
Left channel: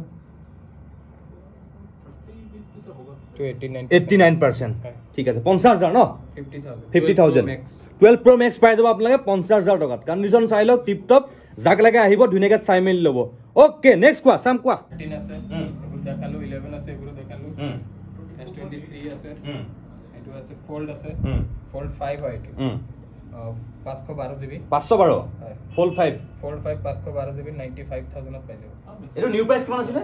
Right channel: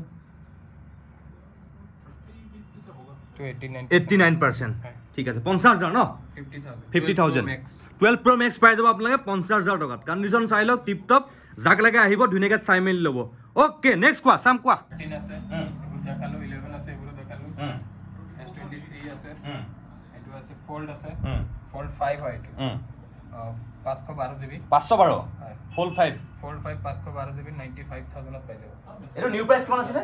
to 89% ঠিক আছে 50000 ন 50000 12 Pro Max পাই যাব আপোনালোকে 50000 টকাত কন্ডিশন চাই লওক টিপ টপ জাক লাগে আহিব ধুনিয়াকে চাই মেলি লব ওকে নেক্সট কোৱা চাম কোৱা 13 আছে এইবোৰ দেখালো 11 আছে এইবোৰ দেখালো S23 আছে এটো আছে ফোল্ড আছে ফোল্ড 5 হয় এটো 512 GB 512 ফোল্ড 5 ফোল্ড 5 512 GB 95000 ত পাই যাব এটো নিউ প্ৰাইস কিমান আছিল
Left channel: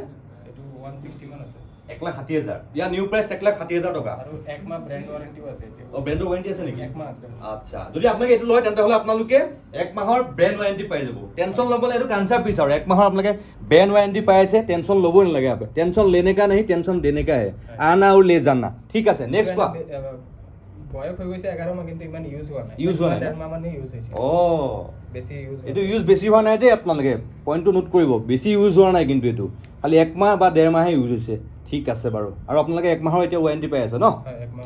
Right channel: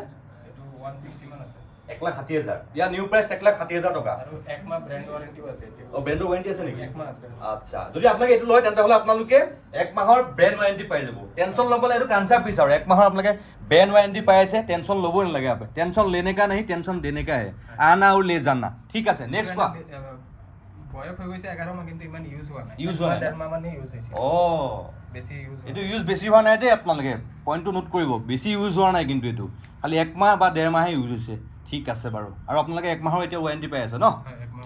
এটো 160 মান আছে 1,60,000 ইয়া নিউ প্ৰাইস 1,60,000 টকা আৰু একমাহ ব্ৰ্যান্ড ওয়াৰেন্টিও আছে এতিয়া ও ব্ৰ্যান্ড ওয়াৰেন্টি আছে নেকি একমাহ আছে আচ্ছা যদি আপোনালোকে এটো লয় তেন্তে হলে আপোনালোকে এক মাহৰ ব্ৰ্যান্ড ওয়াৰেন্টি পাই যাব টেনশন লবলে এটো কাঞ্চা পিস আৰু এক মাহৰ আপোনালোকে ব্ৰ্যান্ড ওয়ারেন্টি পাই আছে টেনশন লবই নালাগে আপে টেনশন लेने का नहीं टेंशन देने का है आना और ले जाना ठीक আছে নেক্সট কোৱা বয়স হৈ গৈছে 11 মাহ কিন্তু ইমান ইউজ হোৱা নাই ইউজ হোৱা নাই 1.5 মাহ মানে ইউজ হৈছে ও বেছি ইউজ এটো ইউজ বেছি হোৱা নাই দে আপোনালোকে পইণ্টটো নোট কৰিব বেছি ইউজ হোৱা নাই কিন্তু এটো খালি এক মাহ বা 1.5 মাহে ইউজ হৈছে ঠিক আছে বাৰু আৰু আপোনালোকে এক মাহৰ এতিয়া ওয়ারেন্টি পাই আছে ন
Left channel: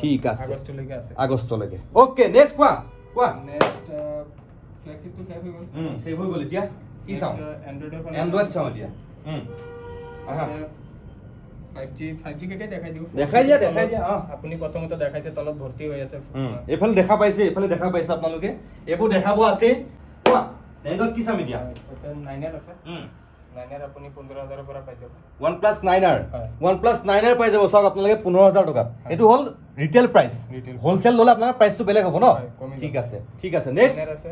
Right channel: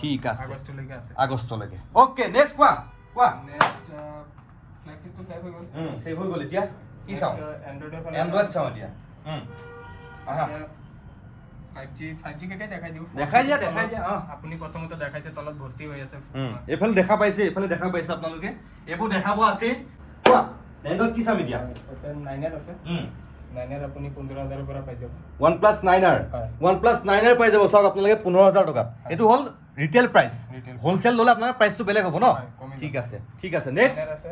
ঠিক আছে আগষ্টলৈকে আছে আগষ্টলৈকে ওকে নেক্সট কোৱা নেক্সট ফ্ল্যাগশিপ তো সেভ হৈ গ'ল এতিয়া কি চাও এন্ড্ৰইড চাও এতিয়া আহা 5G কেটে দেখাই দিয়া আপুনি প্ৰথমতে দেখাইছে তলত ভৰ্তি হৈ আছে এফালে দেখা পাইছে আপোনালোকে এবোৰ দেখাব আছে কোৱা এন্ড্ৰইড কি চাম এতিয়া 9R আছে 9R আপুনি 15000 ৰ পৰা পাই যাব OnePlus 9R OnePlus 9R পাই যাব সব আপোনালোকে 15000 টকা এটো হল ৰিটেল প্ৰাইস হোলসেল ললে আপোনাৰ প্ৰাইসটো বেলেগ হ'ব ন ঠিক আছে নেক্সট 9R আছে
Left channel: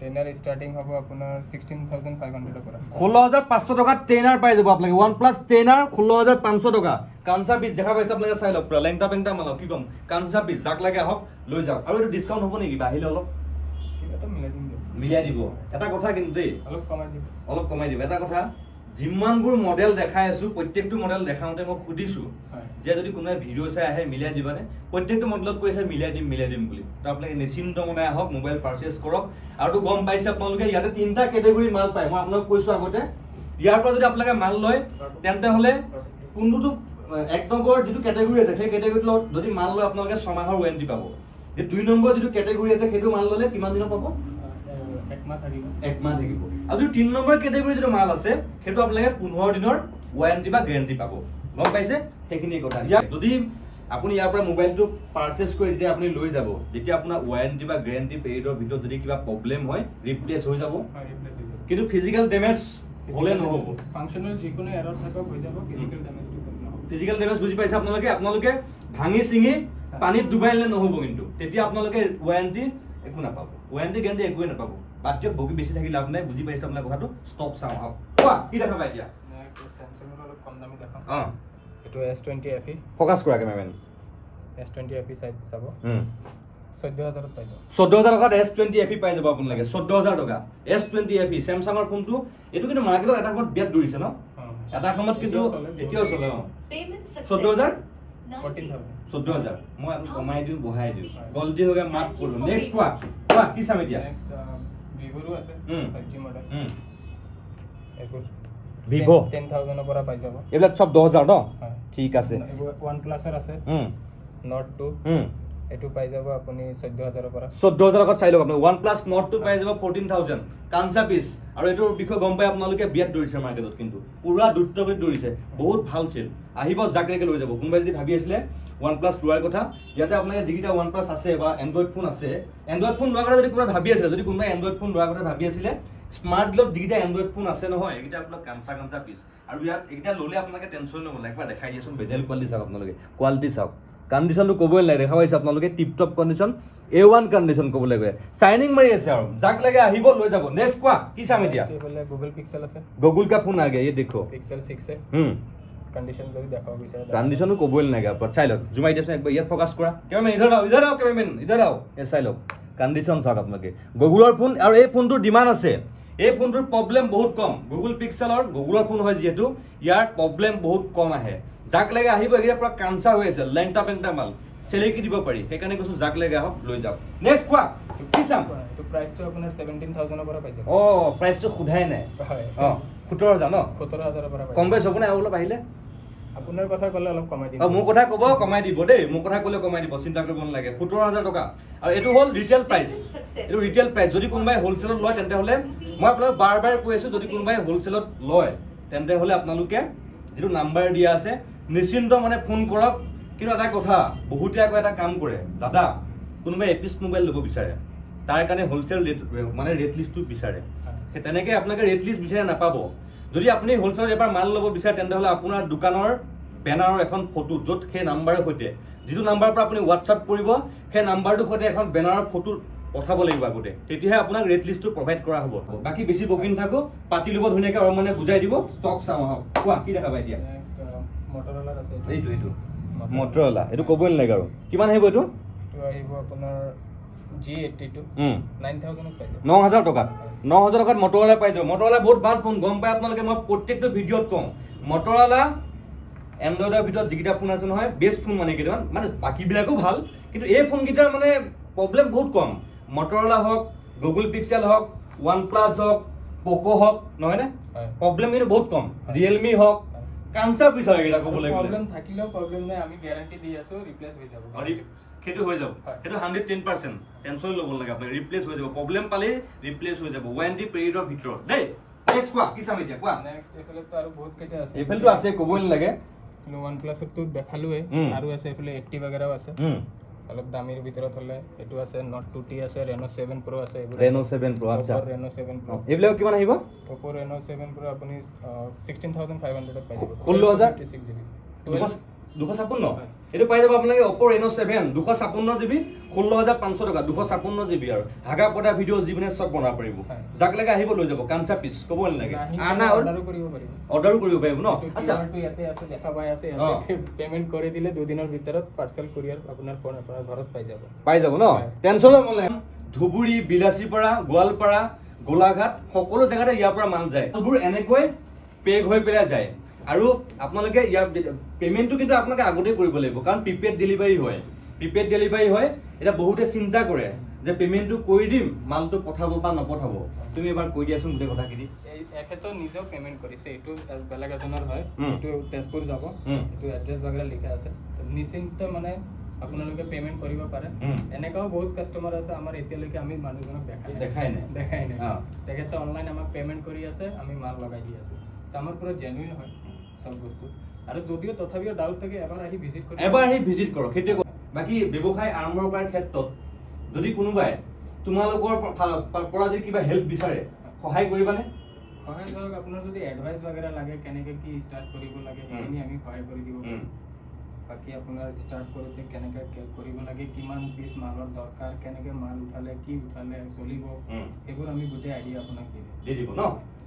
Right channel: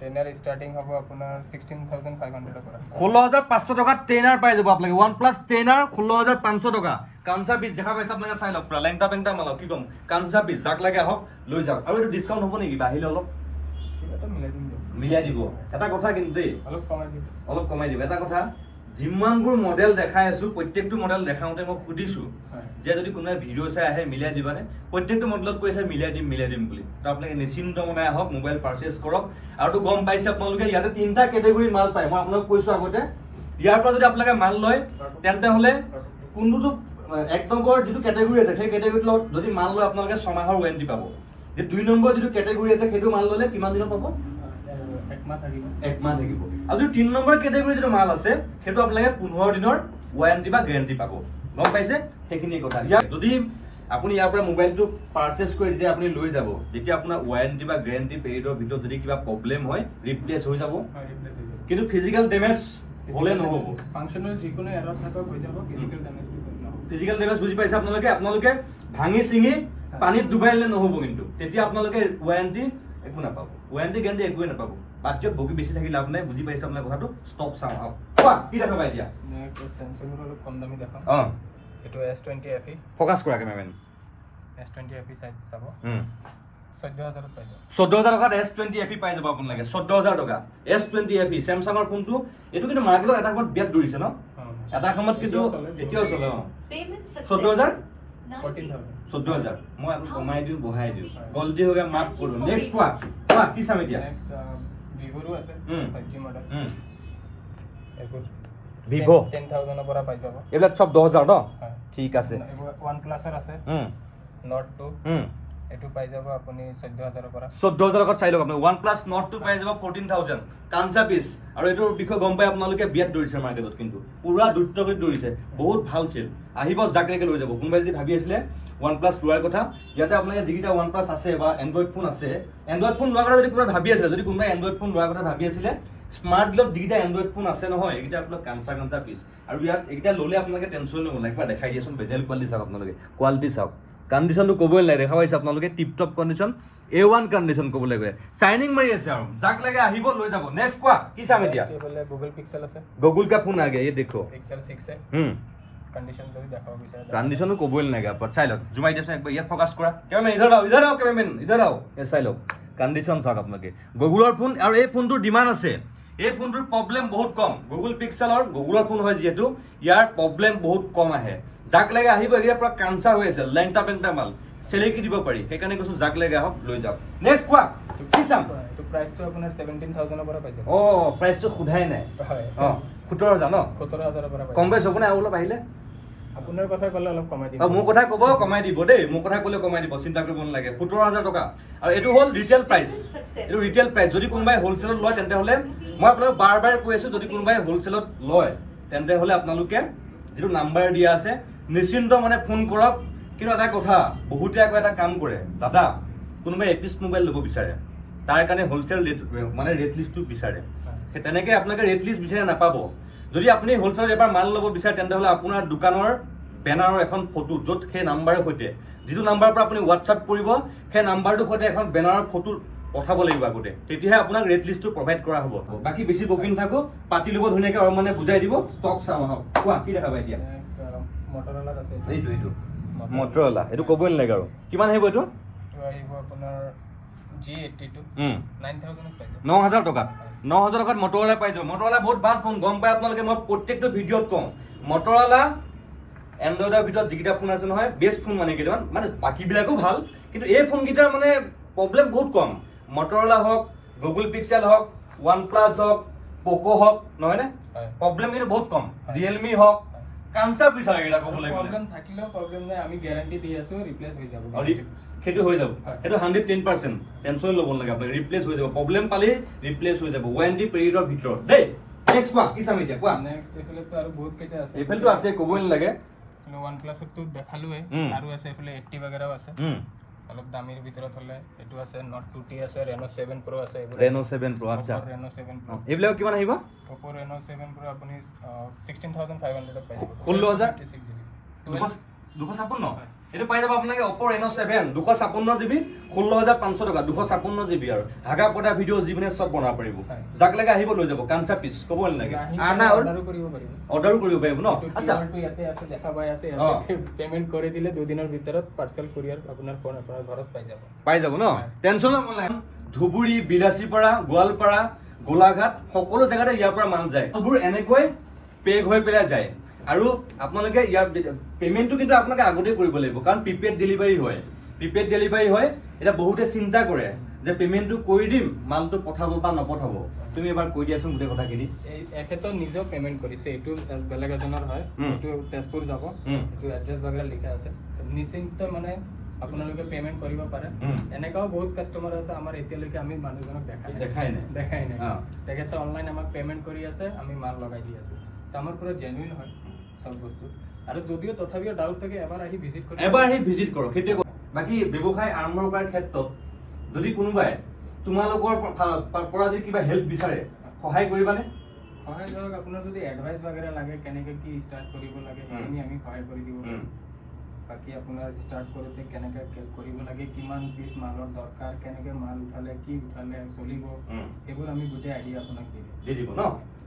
10R স্টার্টিং হ'ব আপোনাৰ 16500 পৰা 16500 টকা 10R পাই যাব আপোনালোকে OnePlus 10R 16500 টকা কাঞ্চা পিস দেখা পাইছে আপোনালোকে চাই লওক পুৰা লেংটা পেংটা মাল কি কম কাঞ্চা পিস যাক লাগে হক লৈ যাওক আৰু এটো ডিসকাউন্ট হ'ব নেকি বাহিলে অলপ এটা মিলাই দিব এটা কথা কিন্তু দেই অলপ কমাই দিব এটা কথা জিমানবোৰ মডেল দেখাই আছো প্ৰত্যেকটো মডেল দেখাওতে মই খুদিছো যে যদি কোনোবা ভিডিও চাই আহে মিলাই দিবানে প্ৰত্যেকটো মডেলত কৈছে মিলাই দিম বুলি তো আপোনালোকে নিশ্চিন্ত মনে আহক মোবাইল পাৰচেজ কৰক আৰু তো গম পাইছে আপোনালোকে ইয়াতে তিনটা ক্যাটাগৰী মাল পায় মই আপোনালোক কৈছো আগতে ইয়াৰ পৰা যদি আপোনালোকে মাল লয় তেন্তে হলে কোনটো এক নম্বৰ যেটো ক্যাটাগৰী আছে সেই ক্যাটাগৰীত যদি মাল লয় আপোনালোকে 6 মাহৰ ওয়াৰেন্টি পাব যে 2 নম্বৰ যেটো ক্যাটাগৰী আছে সেইটো মাল ললে কিমান দিনত পাব এক মাহ থাকিব আৰু 3 নম্বৰ ক্যাটাগৰী যেটো মাল আছে সেইটো আপোনালোকে 15 দিনৰ ওয়াৰেন্টি বা গ্যাৰান্টি পাব গম পাইছে সেইখিনি কথা যদি আপুনি ইয়াৰ পৰা মোবাইলটো পাৰচেজ কৰি যেতিয়া আপুনি লৈ যাব যেতিয়া আপোনাৰ ওয়াৰেন্টি বা গ্যাৰান্টি পিৰিয়ডৰ ভিতৰত যদি কিবা প্ৰবলেম হয় ৰিপ্লেস হৈ যাব কিন্তু ফিজিক্যাল ড্যামেজ হলে নহব ফাংশনাল যিকোনো এৰৰ থাকক হৈ যাব ফিজিক্যাল ড্যামেজ বুজি পাইছে আপোনালোকে ভাঙি চিঙি পানীত ডুবাইলে নহব কিন্তু তেতিয়া আপোনালোকে ওয়াৰেন্টি একো নাপাব ওয়াৰেন্টি গ্যাৰান্টি একো নাপাব বাচ্চা বগি বেছি থাকি লাভ নাই বুজি পাইছে আপোনালোকে কথাটো ষ্টক চাও কোৱা কি দেখাবা এতিয়া নেক্সট স্যামসাং ৰ অলপ কম দামী দেখাম এটো S20 FE ফোকাস কৰা কেমেৰামেন S20 FE সাইজ চাব 14000 পাই যাব 14000 টকাত S20 FE পাই যাব আপোনালোকে 14000 টকা S20 FE স্যামসাংৰ ফোনটো এটো কিন্তু মাৰ্কেটত এটা সময়ত বিয়াত দৰিছে ন এটা সময়ত কিন্তু এতিয়াও চলে 14000 14000 মই আপোনাক কমাই দিও বঢ়াই দিও গলতি হৈ গৈ মাফ কৰো নেক্সট কোৱা কি চাম এতিয়া নেক্সট Vivo আছে 5G মডেল এবোৰ Vivo 10000 পৰা পাই যাব এবিলাক সব 10000 ন ঠিক আছে OnePlus আছে Note 2 এটো পাই যাব আপুনি 14000 পৰা 14000 টকা চাই লওক আপুনি OnePlus Note 2 পাই যাব 14000 কাঞ্চা পিস আৰু এটোৰ বিষয় গম পাই আপোনালোকে বিয়াত দৰিছে মাৰ্কেটত কিন্তু পুৰা দুট্টকৈ দৰিছে বহুত ভাল চেল আহিব জাকলেকে লৈ যাব কোনবাই যদি ভাবি আছিল OnePlus লোৱাৰ কথা ইয়াতে আপোনালোকে যিকিটা OnePlus আছে বা Android ফোন আছে Android ফোন লোৱাৰ কথা যদি কোনোবা ভাবি আছিল যদি কোনোবা Android ফোন লোৱাৰ কথা ভাবি আছিল স্মার্ট গ্লোব যিকিটা Android ফোন আছে নহয় এইকিটা আপোনাক কাঞ্চা পিস আৰু ইয়াত এইকিটা ললে আপোনালোকে টেনশন নলব লাগবা দেখাই দিয়াছোন বেজেল কোৱালিটি চাওক আপোনালোকে কোৱালিটি চাওক কন্ডিশনটো কবই নাই দেখা পাইছে আপোনালোকে tip top condition A1 condition কব লাগে শাইনিং মাৰি আছে আৰু যাক লাগে আহিব লৈ যাব নেক্সট কোৱা কি চাম এতিয়া Google Pixel আছে Google का फोन आ गया ये देखो Pixel 6 है कंडीशन जो भी देखाओ বিচাৰে कंडीशन को बोल नहीं पर চাই লওক জুমাই দিছে একবাৰ ইয়াত ফোকাস কৰা কেমেৰামেন ইধৰ আও কেমেৰামেন ইধৰ আও এ চাই লওক कंडीशन চাওক আপোনালোকে Google ফোন আৰু এই ফোনটোৰ ডিমান্ড আছে এই ফোনটোৰ প্ৰবলেম বহুত কম Google Pixel আৰু Google ফোন হয় যেহেতু ইয়াৰ প্ৰবলেম বহুত কম আহে যাক লাগে আহিব এগিয়া পুৰা কাঞ্চা হৈ আছে লেংটা পেংটা মাল সেলেকি দিব পাৰি সেইকাৰণে কৈছো যাক লাগে আহক লৈ যাওক নেক্সট কোৱা কি চাম তো প্ৰাইস তো আপোনাৰ 17000 পৰা পাই যাব প্ৰাইস তো খুধাই নাই হয় 17000 ন 17000 পৰা পাই কম বেছ হ'ব না অলপ আহিলে আপোনাৰ কথা কলে অলপ কমাই দিব মোৰ কথা কব কমাই দিব দেই মোৰ কথা কলে কমাই দিব চিন্তা কৰিব নালাগে 17000 টকা আৰু এটো হল ৰিটেল প্ৰাইস এটো ৰিটেল প্ৰাইস যদি কোনবাই হোলসেলত লয় তেন্তে হলে মই আপোনাক বাৰ কৈ আছো যদি কোনবাই হোলসেলত লয় তেন্তে হলে আপোনালোকে যেটো নাম্বাৰ দিয়া আছে নিশ্চিন্ত মানে ফোন কৰক কিন্তু এটা কথা বহুতে আকৌ এটা কাম কৰে দাদা কোনবাই এপিস মোবাইল লব বিচাৰে তাৰ কাৰণে হোলসেল মানে ৰেট লিষ্টটো বিচাৰে সেই তেনেকৈ আপোনালোকে ৰেট লিষ্ট বিচাৰে নাপাব যদি আপুনি হোলচেলত এবাৰ মাল ল'ব বিচাৰে তেন্তে হ'লে আপোনাৰ দোকানৰ বেনাৰৰ এখন ফটো য'ত সেই নাম্বাৰৰ সৈতে যিটো নাম্বাৰৰ পৰা আপুনি হোৱাটছআপ কৰিব সেই নাম্বাৰটোৰ সৈতে এখন বেনাৰৰ ফটো পঠাব লাগিব আগতে তেতিয়াহে আপোনাক ৰেট লিষ্টটো প্ৰভাইড কৰা হ'ব বাকি বেছি বকি নাথাকো পাতি ল'ব ধুনীয়াকৈ আৰু মানে বুজাই দিব ষ্টক চাওঁ আহক কোৱা কি দেখাবা এতিয়া মটৰলা আছে এইটো মটৰলা এইটো ক'বই নালাগে আৰু কিমান আহিব এইটো আহিব আপোনাৰ G82 9000 পাই যাব 9000 টকা 9000 টকাত মটৰলা পাই যাব মটৰলা বহুত ভাল ফোন গম পাই আপোনালোকে মই প্ৰত্যেকটো ভিডিঅ'ত কওঁ মটৰলা এন্ড্ৰইডৰ ভিতৰত যিকেইটা ফোন আছে নহয় বেষ্ট ফোন মানে কেইটামান মানে বাকীবিলাকো ভাল কিন্তু এই ফোনকেইটাৰ মানে প্ৰব্লেম বহুত কম মটৰলা হওক গুগল পিক্সেল হওক OnePlus হওক পোকো হওক নহয়নে প্ৰব্লেম কিন্তু বহুত কম ৰিয়েলমি হওক কানচাপ বিচাৰে এটা ক'বলৈ গ'লে প্ৰব্লেম থাকিলেও প্ৰব্লেম নাই আমি গ্যাৰান্টি দি আছো ৰিপ্লেস হৈ যাব সেইটো হৈ যাব সেইটো 110% টেনচন ল'ব নালাগে আপুনি ৰিপ্লেস হৈ যাব প্ৰব্লেম পালে ৰিপ্লেস হৈ যাব ওৱাৰেন্টি পিৰিয়ডৰ ভিতৰত দেই নেক্সট কোৱা কি চাম এতিয়া কোৱা নেক্সট এফালে তো আৰু বহুত কেইটা আছে এফালটো আছে ক'বই নালাগে OnePlus তো দেখালোৱে আৰু আছে এফালে 80 বাগেৰাও আছে অলপ দামীৰ ভিতৰত হলে এটো আছে Note 2T আছে Reno 7 Pro আছে Reno 7 Pro আচ্ছা Reno 7 Pro এইবিলাক কিমান আহিব Oppo Reno 7 Pro আপুনি 16500 পাই যাব 16000 256 এটো পাই যাব আপোনালোকে Oppo Reno 7 256 GB 16500 টকা 256 GB আৰু হাগা পটা ভিডিও জীৱনে সব বনাব পাৰিব যাক লাগে আহিব লৈ যাব কাঞ্চা পিস ক'ব নালাগে আনা অৰ্ডাৰ কৰিব পাৰিব ন আচ্ছা ইয়াতে আছে দেখা পাই আছে পেমেন্ট কৰি দিলে 2 দিনৰ ভিতৰত পাৰ্সেল কুৰিয়াৰ আপোনাৰ ফোন আপোনাৰ ঘৰত পাই যাব ন টেনচন ল'ব নালাগে ধুবুৰী বিলাসীপাৰা গোৱালপাৰা গোলাঘাট সকলো জায়গাতে ইয়াৰ পৰা মান যায় ধুবুৰ এনেকৈ পেগ হৈ পেলাই যায় আৰু আপোনালোকে ইয়াৰ পেমেন্টটো কিন্তু আপোনালোকে আগতে কৰিব লাগিব কাৰণ প্ৰিপেড ডেলিভাৰী হয় এটা বহুতে চিন্তা কৰে যে পেমেন্টটো কৰি দিম মালটো পঠাব বা নপঠাব তুমি এবাৰ কৈ দিয়াচোন গোটে কথাখিনি এখেতো নিজে পেমেন্ট কৰিছে এটো বেলেগ এজনৰ হয় এটো তেজপুৰ যাব এটো এড্ৰেছ বাগৰা লিখা আছে নিশ্চিন্ত মানে আপোনালোকে পেমেন্ট কৰিব পাৰে এনেকাও বহুত কাস্টমাৰ আছে আমাৰ এতিয়ালৈকে আমি মানুহজনক দেখাই নাই তেখেতে অনলাইন আমাক পেমেন্ট কৰি আছে আমি মাল লগাই দি আছো আমাৰ পুৰা জেনুইন হয় সব বস্তু আৰু যদিও তথাপিও ডাউট থাকে এবাৰ আহি ভিজিট কৰক সেইটো বাকি ব্যৱসায় আৰম্ভ কৰাৰ ক্ষেত্ৰত যদি কোনোবাই তোমালোকৰ পৰা যদি কিবা হেল্প বিচাৰে সহায় কৰিবানে সহায় ধৰক আপোনাৰ যদি এডভাইস বাগেৰা লাগে কেনেকৈ কি ষ্টাৰ্ট কৰিব লাগে এখিনি আমি সহায় কৰি দিব বাকি আপোনাৰ ষ্টাৰ্ট কৰোতে কেনেকৈ কৰিব লাগে কিমান পিস মালৰ দৰকাৰ কেনেকৈ মাল উঠালে কি উঠালে চলিব এইবোৰ আমি গোটে আইডিয়া আপোনাক দি দিব ন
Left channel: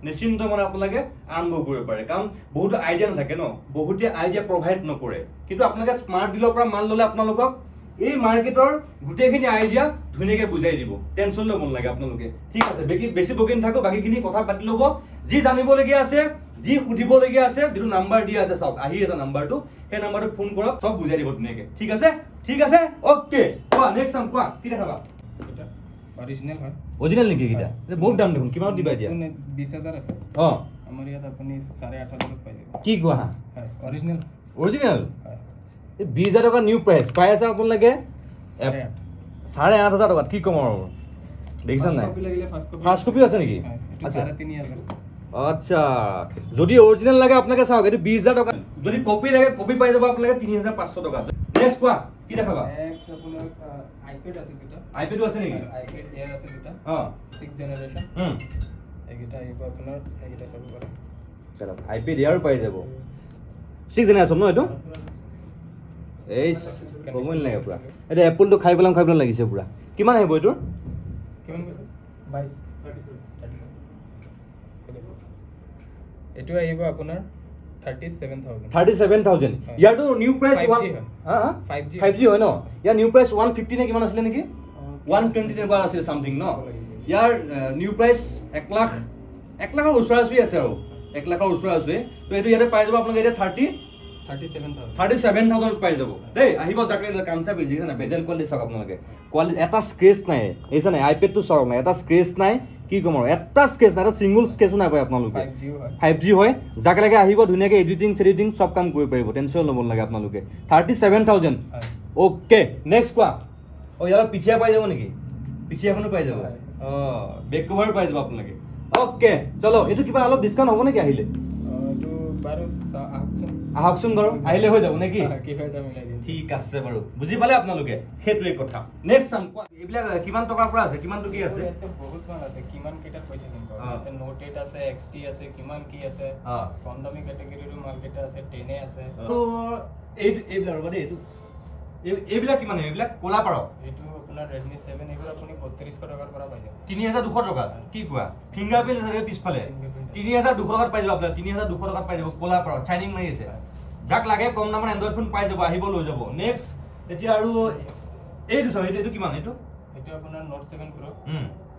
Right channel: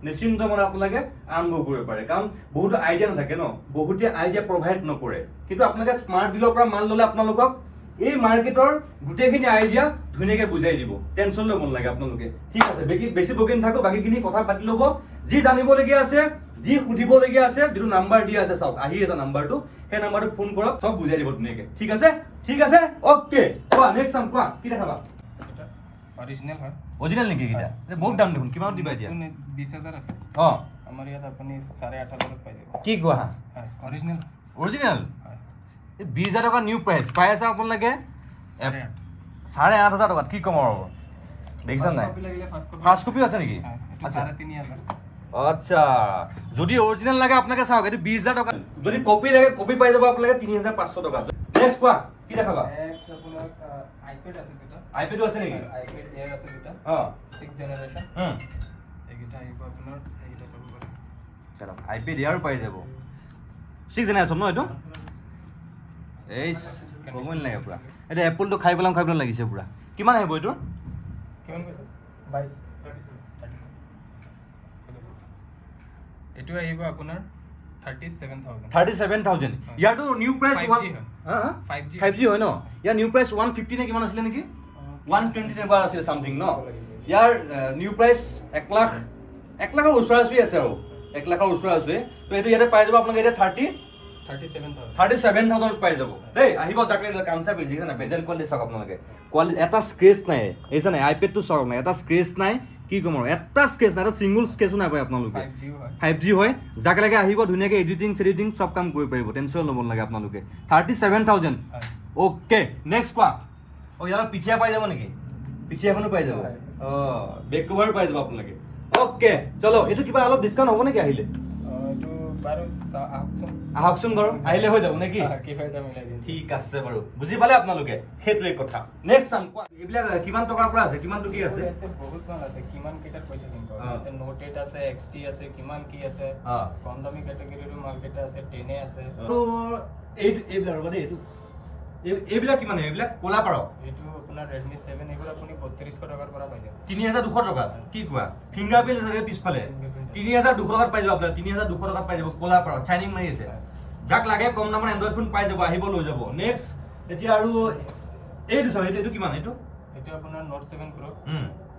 নিশ্চিন্ত মনে আপোনালোকে আৰম্ভ কৰিব পাৰে কাৰণ বহুত আইডিয়া নাথাকে ন বহুতে আইডিয়া প্ৰভাইড নকৰে কিন্তু আপোনালোকে স্মাৰ্ট ডিলৰ পৰা মাল ল'লে আপোনালোকক এই মাৰ্কেটৰ গোটেইখিনি আইডিয়া ধুনীয়াকৈ বুজাই দিব টেনচন ল'ব নালাগে আপোনালোকে ঠিক আছে বেছি বকি নাথাকো বাকীখিনি কথা পাতি ল'ব যি জানিবলগীয়া আছে যি সুধিবলগীয়া আছে যিটো নাম্বাৰ দিয়া আছে চাওক আহি আছে নাম্বাৰটো সেই নাম্বাৰটো ফোন কৰক সব বুজাই দিব ধুনীয়াকৈ ঠিক আছে ওকে কোৱা নেক্সট চাম কোৱা কি দেখাবা অৰিজিনাল হয় অৰিজিনাল নেকি কিটা বহুত দাম দেখোন কিমান দিবা এতিয়া 20000 আছে আমাৰ ইয়াত আপুনি 8500 পাই যাব কি কোৱা অৰিজিনাল এই 20000 টকা নিউ প্ৰাইস পাই আছে আপোনালোকে 8500 টকাত কি কম আৰু দেখিছা নাই ফাৰ্স্ট কপি আছে নেকি 3500 আচ্ছা যদি অৰিজিনাল লাগে আপোনালোকে চাওক এটো 20000 টকা যদি কপি লাগে কপি পাই যাব আপোনালোকে 3500 টকা নেক্সট কোৱা কি দেখাবা নেক্সট আপোনাৰ আইপ্যাড আছে আইপ্যাডও আছে নেকি আইপ্যাড এয়াৰ আছে দুটা 6th জেনাৰেশন এইটা আইব আপোনাৰ এইটা সব কৰে চলো আইপ্যাড এয়ার পাই যাব 6th জেনারেশন ন এটো এই কমন লাগে পুরা এটা এপল তো খাই পেলাম লাগিছে পুরা কিমান আহিব এটো কিমান কৈছে 22 এটো আহিব আপোনাৰ 37000 ইয়াৰটো নিউ প্ৰাইস 5G হয় ন ইয়াৰ নিউ প্ৰাইস 150 নে কিমান আছিল নেকি 120 নে বাৰ আছিল সামথিং ন ইয়াৰ নিউ প্ৰাইস 1 লাখৰ ওচৰা-ওচৰি আছে আৰু 1 লাখৰ ওচৰা-ওচৰি তো এটো ইয়াতে পাই যাব আপোনালোকে এটা 37000 পাই যাব দেই আহিব জাকলে কামচা বেজি না বেজেল কোৱালিটি চাওক আপোনালোকে কোৱালিটি এটা স্ক্ৰেচ নাই এইছনে আইপ্যাড তো চাওক না এটা স্ক্ৰেচ নাই কি কম আৰু এটা স্কেচ না এটা সিঙ্গল স্কেচও নাই পায় আপোনালোকে 5G হয় জাক লাগে আহিব ধুনীয়াকৈ এডিটিং সব কাম কৰিব পাৰিব টেনচন ল'ব নালাগে আপোনালোকে 37000 ওকে নেক্সট কোৱা ইয়াৰ পিছিয়া পাই যাব নেকি পিছিয়াখনো পাই যাব বেক কভাৰ পাই যাব আপোনালোকে ওকে চলো এটো কিবা অলপ ডিসকাউন্ট হ'ব নেকি আহিলে বাৰু আহকচোন আহকচোন বাৰু আহিলে হৈ যাব নেকি কিবা এটা মিলাই দিম ঠিক আছে বাৰু বুজি পালে আপোনালোকে সেইটোৱে কথা নেক্সট চাম এইবিলাক কিমান টকাৰ পৰা আছে কিমান টকি আছে বহুত ভাল আছে কিমান কেইটাৰ পইচা দিম এতিয়া নোট 8 আছে XT আছে কিমান কি আছে কম দামী কেটেগৰীৰ মাল কেইটা আছে 10 আছে তো এইবিলাক ৰবা দেই এইবিলাক কিমান এইবিলাক কোলা পাৰক এইটো আপোনাৰ Redmi 7 এইবোৰ আপুনি 3200 টকাৰ পৰা পাই যাব 3200 টকা কি কোৱা ফিংগাৰপ্ৰিন্ট আছে পিছফালে 3200 টকাত পাই যাব আপোনাৰ 3200 টকাত পাই যাব কোলা পাৰক চাইনিং মাৰি আছে যাক লাগে কম দামৰ এন্ড্ৰইড ফোন পাই যাব আহিব লৈ যাব নেক্সট এতিয়া আৰু এইটো চাও এইটো কিমান এইটো আপোনাৰ Note 7 Pro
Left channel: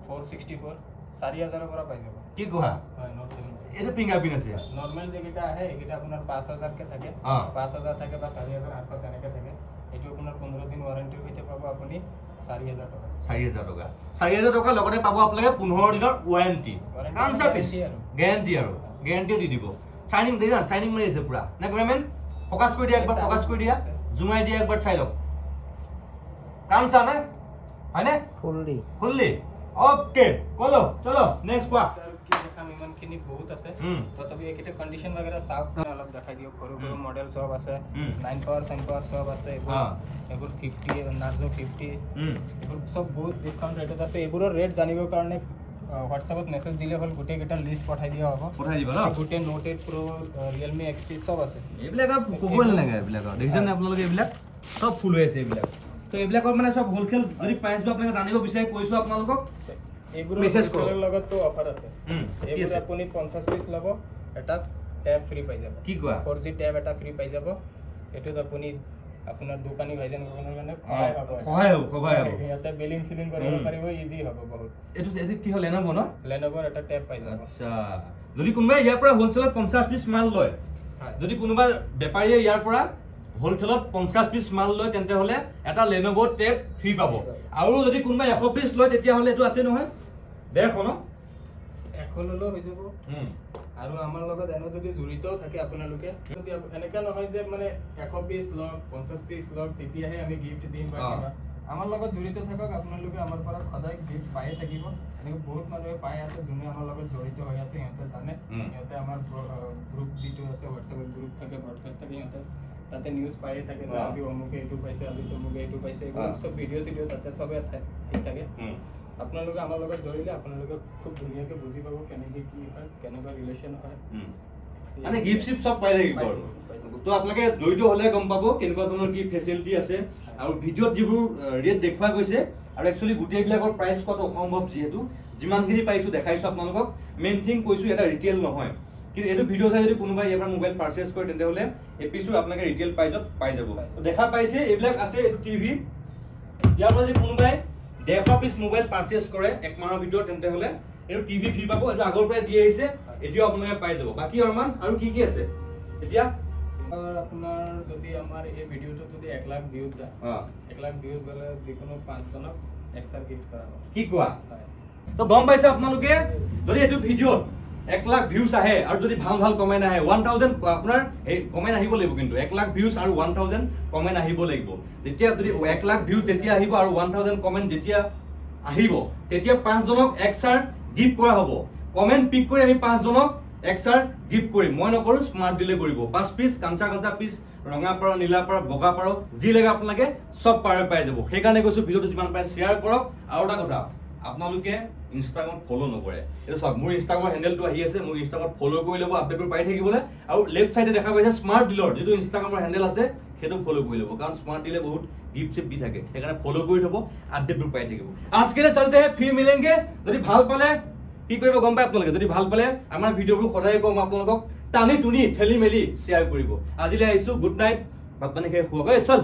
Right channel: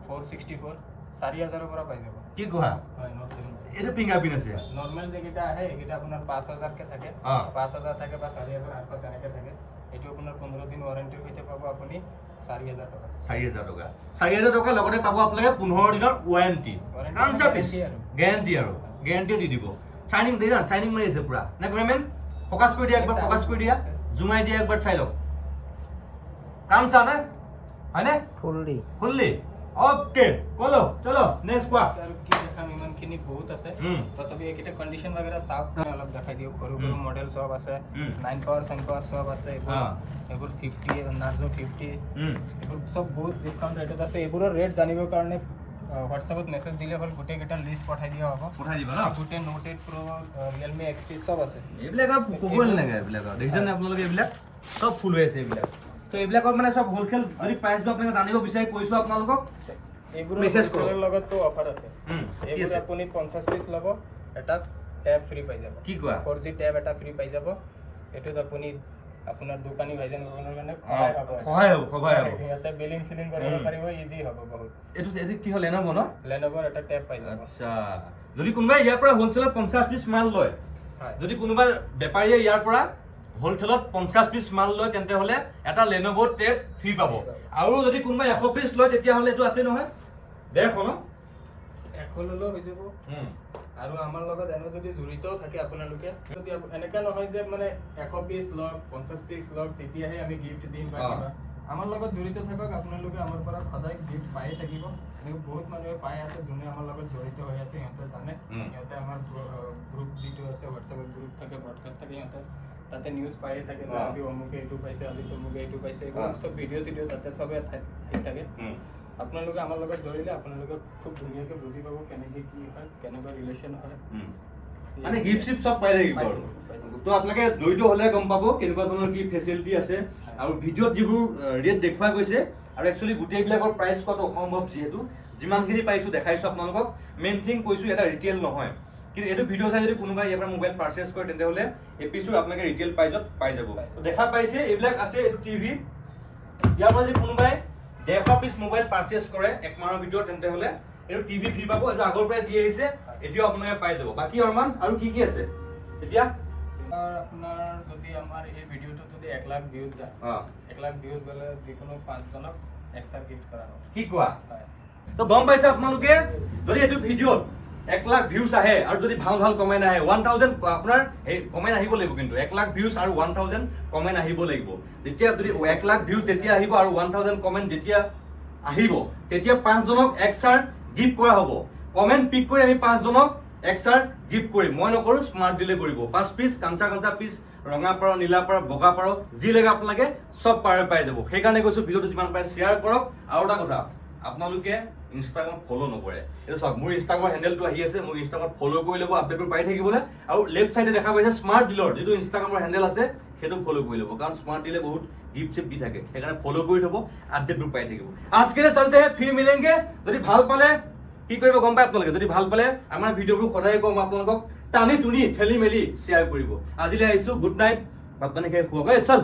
464 4000 পৰা পাই যাব কি কোৱা হয় Note 7 এইটো ফিংগাৰপ্ৰিন্ট আছে নরমাল যেটা আহে এটা আপনার 5000 কে থাকে 5000 থাকে বা 4800 তেনেকে থাকে এটো আপনার 15 দিন ওয়ারেন্টি হইতে পাবো আপনি 4000 টাকা 4000 টকা লগতে পাবো আপোনালোকে 15 দিনৰ ওয়াৰেন্টি কাম সাৰ্ভিস গ্যাৰান্টি দি দিব শাইনিং দেই না শাইনিং মাৰি আছে পুৰা না কমেন ফোকাস কৰি দিয়া একবাৰ ফোকাস কৰি দিয়া জুমাই দিয়া একবাৰ চাই লওক কাম চা না হয়নে ফুললি ওকে কলো চলো নেক্সট কোৱা খিনি বহুত আছে তথাপি একেটা কন্ডিশন वगैरह সাফ অলপ দেখাই দিও সৰু সৰু মডেল সব আছে 9 পাওয়াৰ 10 পাওয়াৰ সব আছে এবোৰ 50 নাৰ্জো 50 এবোৰ সব বহুত ডিসকাউন্ট ৰেটত আছে এবোৰৰ ৰেট জানিবৰ কাৰণে হোয়াটসঅ্যাপত মেসেজ দিলে হল গোটে কেটা লিস্ট পঠাই দিয়া হ'ব পঠাই দিবা না গোটে Note 8 Pro Realme XT সব আছে এইবিলাক কোকল লাগে এইবিলাক দেখিছেনে আপোনালোকে এইবিলাক সব ফুল হৈ আছে এইবিলাক তো এইবিলাকৰ মানে সব হোলসেল যদি প্ৰাইসটো আপোনালোকে জানিব বিচাৰি কৈছো আপোনালোকক এইবোৰ মেসেজ কৰাৰ লগত তো অফাৰ আছে এইবোৰ আপুনি 50 পিস লব এটা ট্যাব ফ্ৰি পাই যাব কি কোৱা 4G ট্যাব এটা ফ্ৰি পাই যাব এটোত আপুনি আপোনাৰ দোকানী ভাইজন গগনৰ মানে সহায় হ'ব ইয়াতে বিলিং সিলিং কৰিব পাৰিব ইজি হ'ব বহুত এটো কি হল Lenovo ন Lenovo এটা ট্যাব পাই যাব আচ্ছা যদি কোনোবা ইয়াৰ পৰা হোলসেলত 50 পিস মাল লয় যদি কোনোবা বেপাৰীয়ে ইয়াৰ পৰা হোলসেলত 50 পিস মাল লয় তেন্তে হলে এটা Lenovo ট্যাব ফ্রি পাব আৰু যদি কোনোবা 100 পিস লয় তেতিয়া হলে এটো আছে নহয় 150 ন এখন হলো হৈ যাব আৰু আমাৰ লগত এনে যদি জড়িত থাকে আপোনালোকে যদি এনেকা নহয় যে মানে 100 পিস লওক 50 পিস লওক তেতিয়াহে আমি গিফট দিম বা কিবা আমাৰ লগত জড়িত থাকক আপোনালোকে আমাৰ পৰা সদায় গিফট পাই থাকিব এনেকৈ বহুত মানুহে পাই আছে যোনে আমাৰ লগত জড়িত হৈ আছে সিহঁতে জানে সিহঁতে আমাৰ গ্ৰুপ যিটো আছে হোৱাটছএপৰ গ্ৰুপ থাকে ব্ৰডকাষ্ট থাকে সিহঁতে তাতে নিউজ পাই থাকে যে আজি অমুকে এইটো পাইছে আজি তমুকে এইটো পাইছে এইবোৰ সব ভিডিঅ' চিডিঅ' তাতে সবে থাকে আপোনালোকে আমাৰ লগত জড়িলে আপোনালোকে খুব ধুনীয়াকৈ বুজি পাব কেনেকৈ কি হয় কেনেকুৱা ৰিলেশ্যন হয় মানে গিফট শিপ সব পাই থাকিব তো আপোনালোকে জড়িত হলে গম পাব কেনেকুৱা ধৰণৰ কি ফেসিলিটি আছে আৰু ভিডিঅ'ত যিবোৰ ৰেট দেখুৱা গৈছে আৰু একচুয়ালি গোটেইবিলাকৰ প্ৰাইস কত অসম্ভৱ যিহেতু যিমানখিনি পাইছো দেখাইছো আপোনালোকক মেইন থিং কৈছো এটা ৰিটেল নহয় কিন্তু এটো ভিডিও চাই যদি কোনোবা ইয়াৰ পৰা মোবাইল পাৰচেজ কৰে তেন্তে হলে এপিসোড আপোনালোকে ৰিটেল প্ৰাইজত পাই যাব দেখা পাইছে এইবিলাক আছে এটো টিভি ইয়াৰ পৰা যদি কোনোবাই 150 পিস মোবাইল পাৰচেজ কৰে এক মাহৰ ভিতৰত তেন্তে হলে এটো টিভি ফ্ৰি পাবো এটো আগৰ পৰা দি আহিছে এটিও আপোনালোকে পাই যাব বাকি অৰমান আৰু কি আছে এতিয়া আপোনাৰ যদি আমাৰ এই ভিডিওটো যদি 1 লাখ ভিউজ যায় 1 লাখ ভিউজ গলে যিকোনো 5 জনক এক্সট্ৰা গিফট কৰা হ'ব কি কোৱা তো গম পাইছে আপোনালোকে যদি এটো ভিডিওত 1 লাখ ভিউজ আহে আৰু যদি ভাল ভাল কমেন্ট আহে 1000 আপোনাৰ এই কমেন্ট আহিব লাগিব কিন্তু 1 লাখ ভিউজ আৰু 1000 কমেন্ট আহিব লাগিব যেতিয়া যদি 1 লাখ ভিউজ যেতিয়া আহিব আৰু 1000 কমেন্ট যেতিয়া আহিব তেতিয়া 5 জনক এক্সট্ৰা গিফট কৰা হ'ব কমেন্ট পিক কৰি আমি 5 জনক এক্সট্ৰা গিফট কৰিম মই নকৰো স্মাৰ্ট ডিলে কৰিব 5 পিস কাঞ্চা পিস ৰঙা পাৰ নীলা পাৰ বগা পাৰ যি লাগে আপোনালোকে সব পাই যাব সেই কাৰণে কৈছো ভিডিওটো যিমান পায় শেয়াৰ কৰক আৰু এটা কথা আপোনালোকে ইনষ্টাগ্ৰাম ফলো নকৰে এটা সব মোৰ ইনষ্টাগ্ৰাম হ্যান্ডেলটো আহি আছে মোৰ ইনষ্টাগ্ৰাম ফলো কৰি লব আপডেটবোৰ পাই থাকিবলে আৰু লেফট সাইডে দেখা পাইছে স্মাৰ্ট ডিলৰ যেটো ইনষ্টাগ্ৰামৰ হ্যান্ডেল আছে সেটো ফলো কৰি লব কাৰণ স্মাৰ্ট ডিলে বহুত গিফট চিপ দি থাকে সেইকাৰণে ফলো কৰি থব আপডেটবোৰ পাই থাকিব আজকে চলতে হে ফিৰ মিলেंगे যদি ভাল পালে কি কৰিব গম পাই আপোনালোকে যদি ভাল পালে আমাৰ ভিডিওবোৰ সদায় কম আপোনালোকক টানি টুনি ঠেলি মেলি শেয়াৰ কৰিব আজিলৈ আহিছো গুড নাইট ভাত পানী খাই শুৱক চল